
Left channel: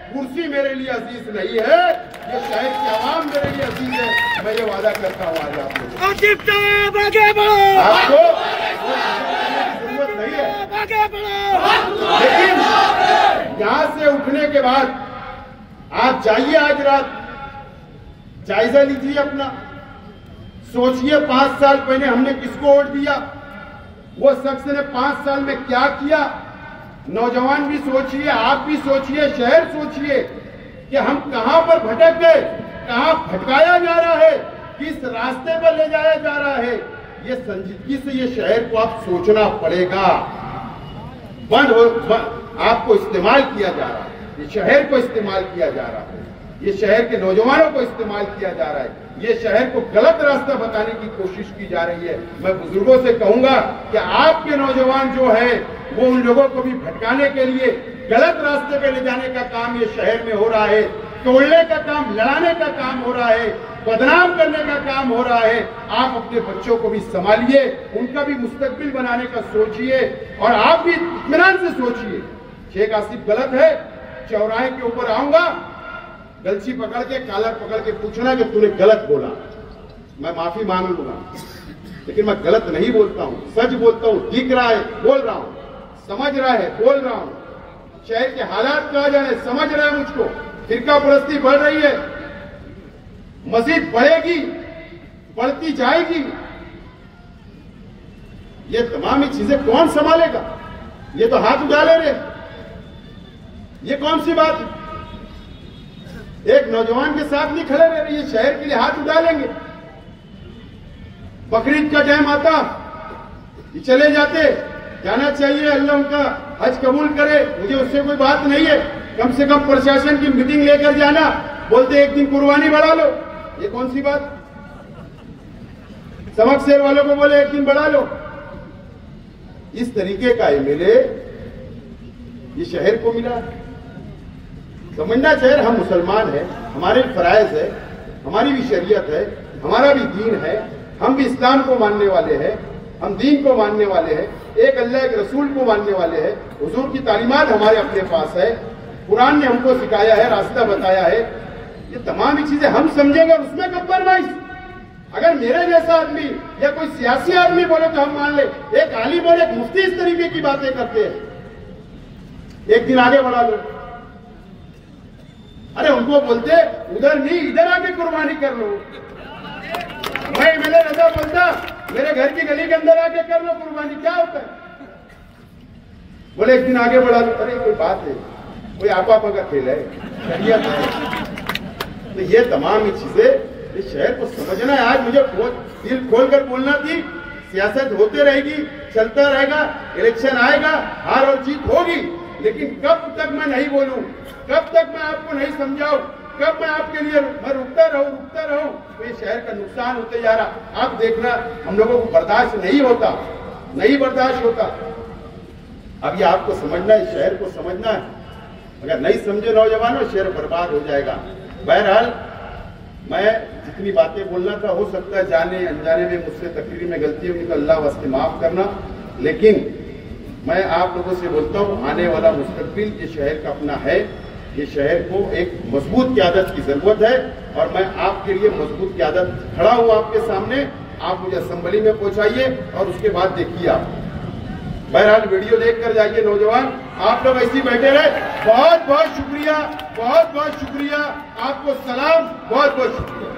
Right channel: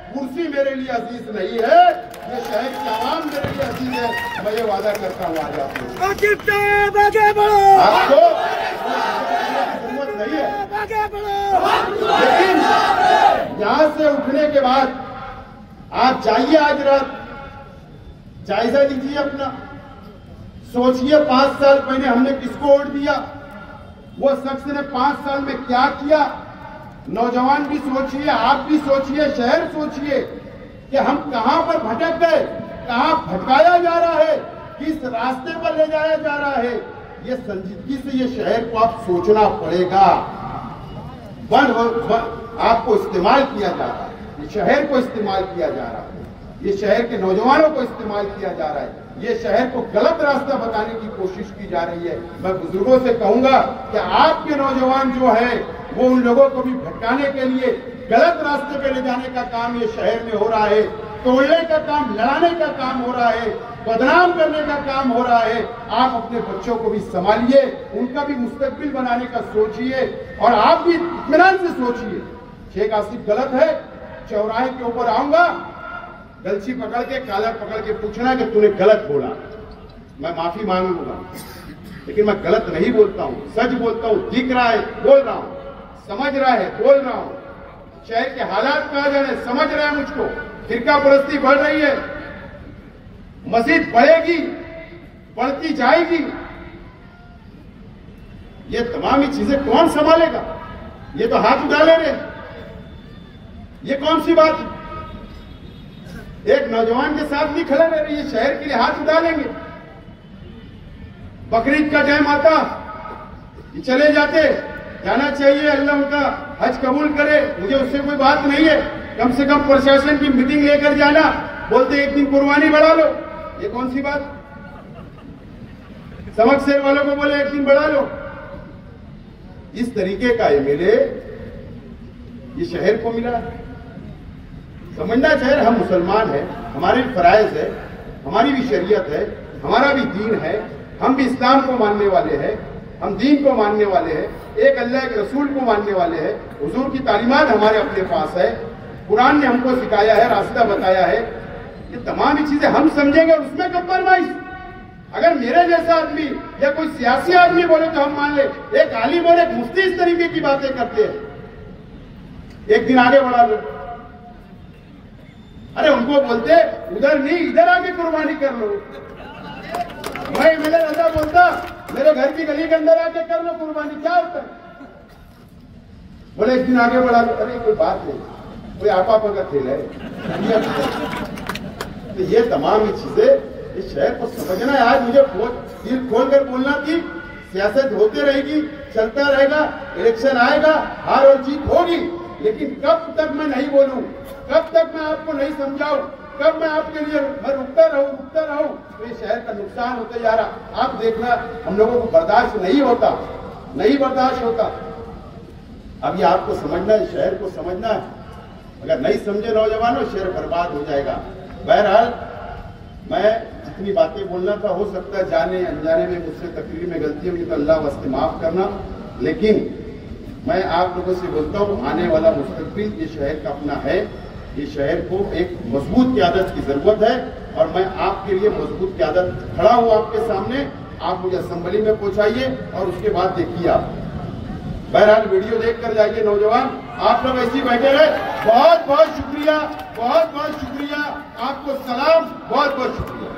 कुर्सी मेरे लिए अजीज नहीं है, ये शहर की आवाम मेरे लिए अजीज है। मैं ये वादा करता हूँ आज आपको जरूरत नहीं है, लेकिन यहां से उठने के बाद आप जाइए, आज रात जायजा लीजिए अपना, सोचिए 5 साल पहले हमने किसको वोट दिया, वो शख्स ने 5 साल में क्या किया। नौजवान भी सोचिए, आप भी सोचिए, शहर सोचिए कि हम कहां पर भटक गए, कहां भटकाया जा रहा है, किस रास्ते पर ले जाया जा रहा है। ये संजीदगी से ये शहर को आप सोचना पड़ेगा। आपको इस्तेमाल किया जा रहा है, ये शहर को इस्तेमाल किया जा रहा है, ये शहर के नौजवानों को इस्तेमाल किया जा रहा है, ये शहर को गलत रास्ता बताने की कोशिश की जा रही है। मैं बुजुर्गों से कहूंगा कि आपके नौजवान जो है वो उन लोगों को भी भटकाने के लिए, गलत रास्ते पे ले जाने का काम ये शहर में हो रहा है, तोड़ने का काम, लड़ाने का काम हो रहा है, बदनाम करने का काम हो रहा है। आप अपने बच्चों को भी संभालिए, उनका भी मुस्तकबिल बनाने का सोचिए और आप भी इत्मीनान से सोचिए। शेख आसिफ गलत है, चौराहे के ऊपर आऊंगा, गलची पकड़ के, काला पकड़ के पूछना है कि तूने गलत बोला, मैं माफी मांग लूंगा, लेकिन मैं गलत नहीं बोलता हूं, सच बोलता हूं, दिख रहा है बोल रहा हूं, समझ रहा है बोल रहा हूं। शहर के हालात कहा जाने समझ रहा है मुझको, फिरका परस्ती बढ़ रही है, मस्जिद बढ़ेगी, बढ़ती जाएगी, ये तमाम ही चीजें कौन संभालेगा? ये तो हाथ उठा ले रहे, ये कौन सी बात है? एक नौजवान के साथ नहीं खड़े रहे, ये शहर के लिए हाथ उठा लेंगे। बकरीद का टाइम आता, ये चले जाते, जाना चाहिए, अल्लाह उनका हज कबूल करे, मुझे उससे कोई बात नहीं है, कम से कम प्रशासन की मीटिंग लेकर जाना, बोलते एक दिन कुर्बानी बढ़ा लो, ये कौन सी बात? सबक शेर वालों को बोले एक दिन बढ़ा लो। इस तरीके का एमएलए ये शहर को मिला। समझना चाहिए हम मुसलमान हैं, हमारे फराइज है, हमारी भी शरीयत है, हमारा भी दीन है, हम भी इस्लाम को मानने वाले हैं, हम दीन को मानने वाले हैं, एक अल्लाह के रसूल को मानने वाले हैं, हुजूर की तालीमात हमारे अपने पास है, कुरान ने हमको सिखाया है, रास्ता बताया है। ये तमाम चीजें हम समझेंगे, उसमें कंप्रोमाइज। अगर मेरे जैसा आदमी या कोई सियासी आदमी बोले तो हम मान ले, एक आलिम और एक मुफ्ती इस तरीके की बातें करते हैं, एक दिन आगे बढ़ा लो। अरे उनको बोलते उधर नहीं, इधर आके कुर्बानी कर लो। मैं एमएलए ऐसा बोलता, मेरे घर की गली के अंदर आके कर लो कुर्बानी, क्या होता है? बोले एक दिन आगे बढ़ा लो। अरे कोई बात नहीं, कोई आपा का खेल है। तो ये तमाम चीजें इस शहर को समझना है। आज मुझे दिल खोलकर बोलना थी, सियासत होती रहेगी, चलता रहेगा, इलेक्शन आएगा, हार और जीत होगी, लेकिन कब तक मैं नहीं बोलूं, कब तक मैं आपको नहीं समझाऊं, कब मैं आपके लिए मैं रुकता रहूं, तो ये शहर का नुकसान होते जा रहा। आप देखना, हम लोगों को बर्दाश्त नहीं होता, नहीं बर्दाश्त होता। अब ये आपको समझना है, शहर को समझना है। अगर नहीं समझे नौजवानों, शहर बर्बाद हो जाएगा। बहरहाल मैं जितनी बातें बोलना था, हो सकता है जाने अनजाने में मुझसे तकरीर में गलती होगी तो अल्लाह वास्ते माफ करना, लेकिन मैं आप लोगों से बोलता हूँ, आने वाला मुस्तकबिल ये शहर का अपना है। ये शहर को एक मजबूत क़यादत की जरूरत है और मैं आपके लिए मजबूत क़यादत खड़ा हूँ आपके सामने। आप मुझे असेंबली में पहुंचाइए और उसके बाद देखिए आप। बहरहाल वीडियो देखकर जाइए नौजवान, आप लोग ऐसे ही बैठे रहे। बहुत बहुत शुक्रिया, बहुत बहुत शुक्रिया, आपको सलाम, बहुत बहुत शुक्रिया।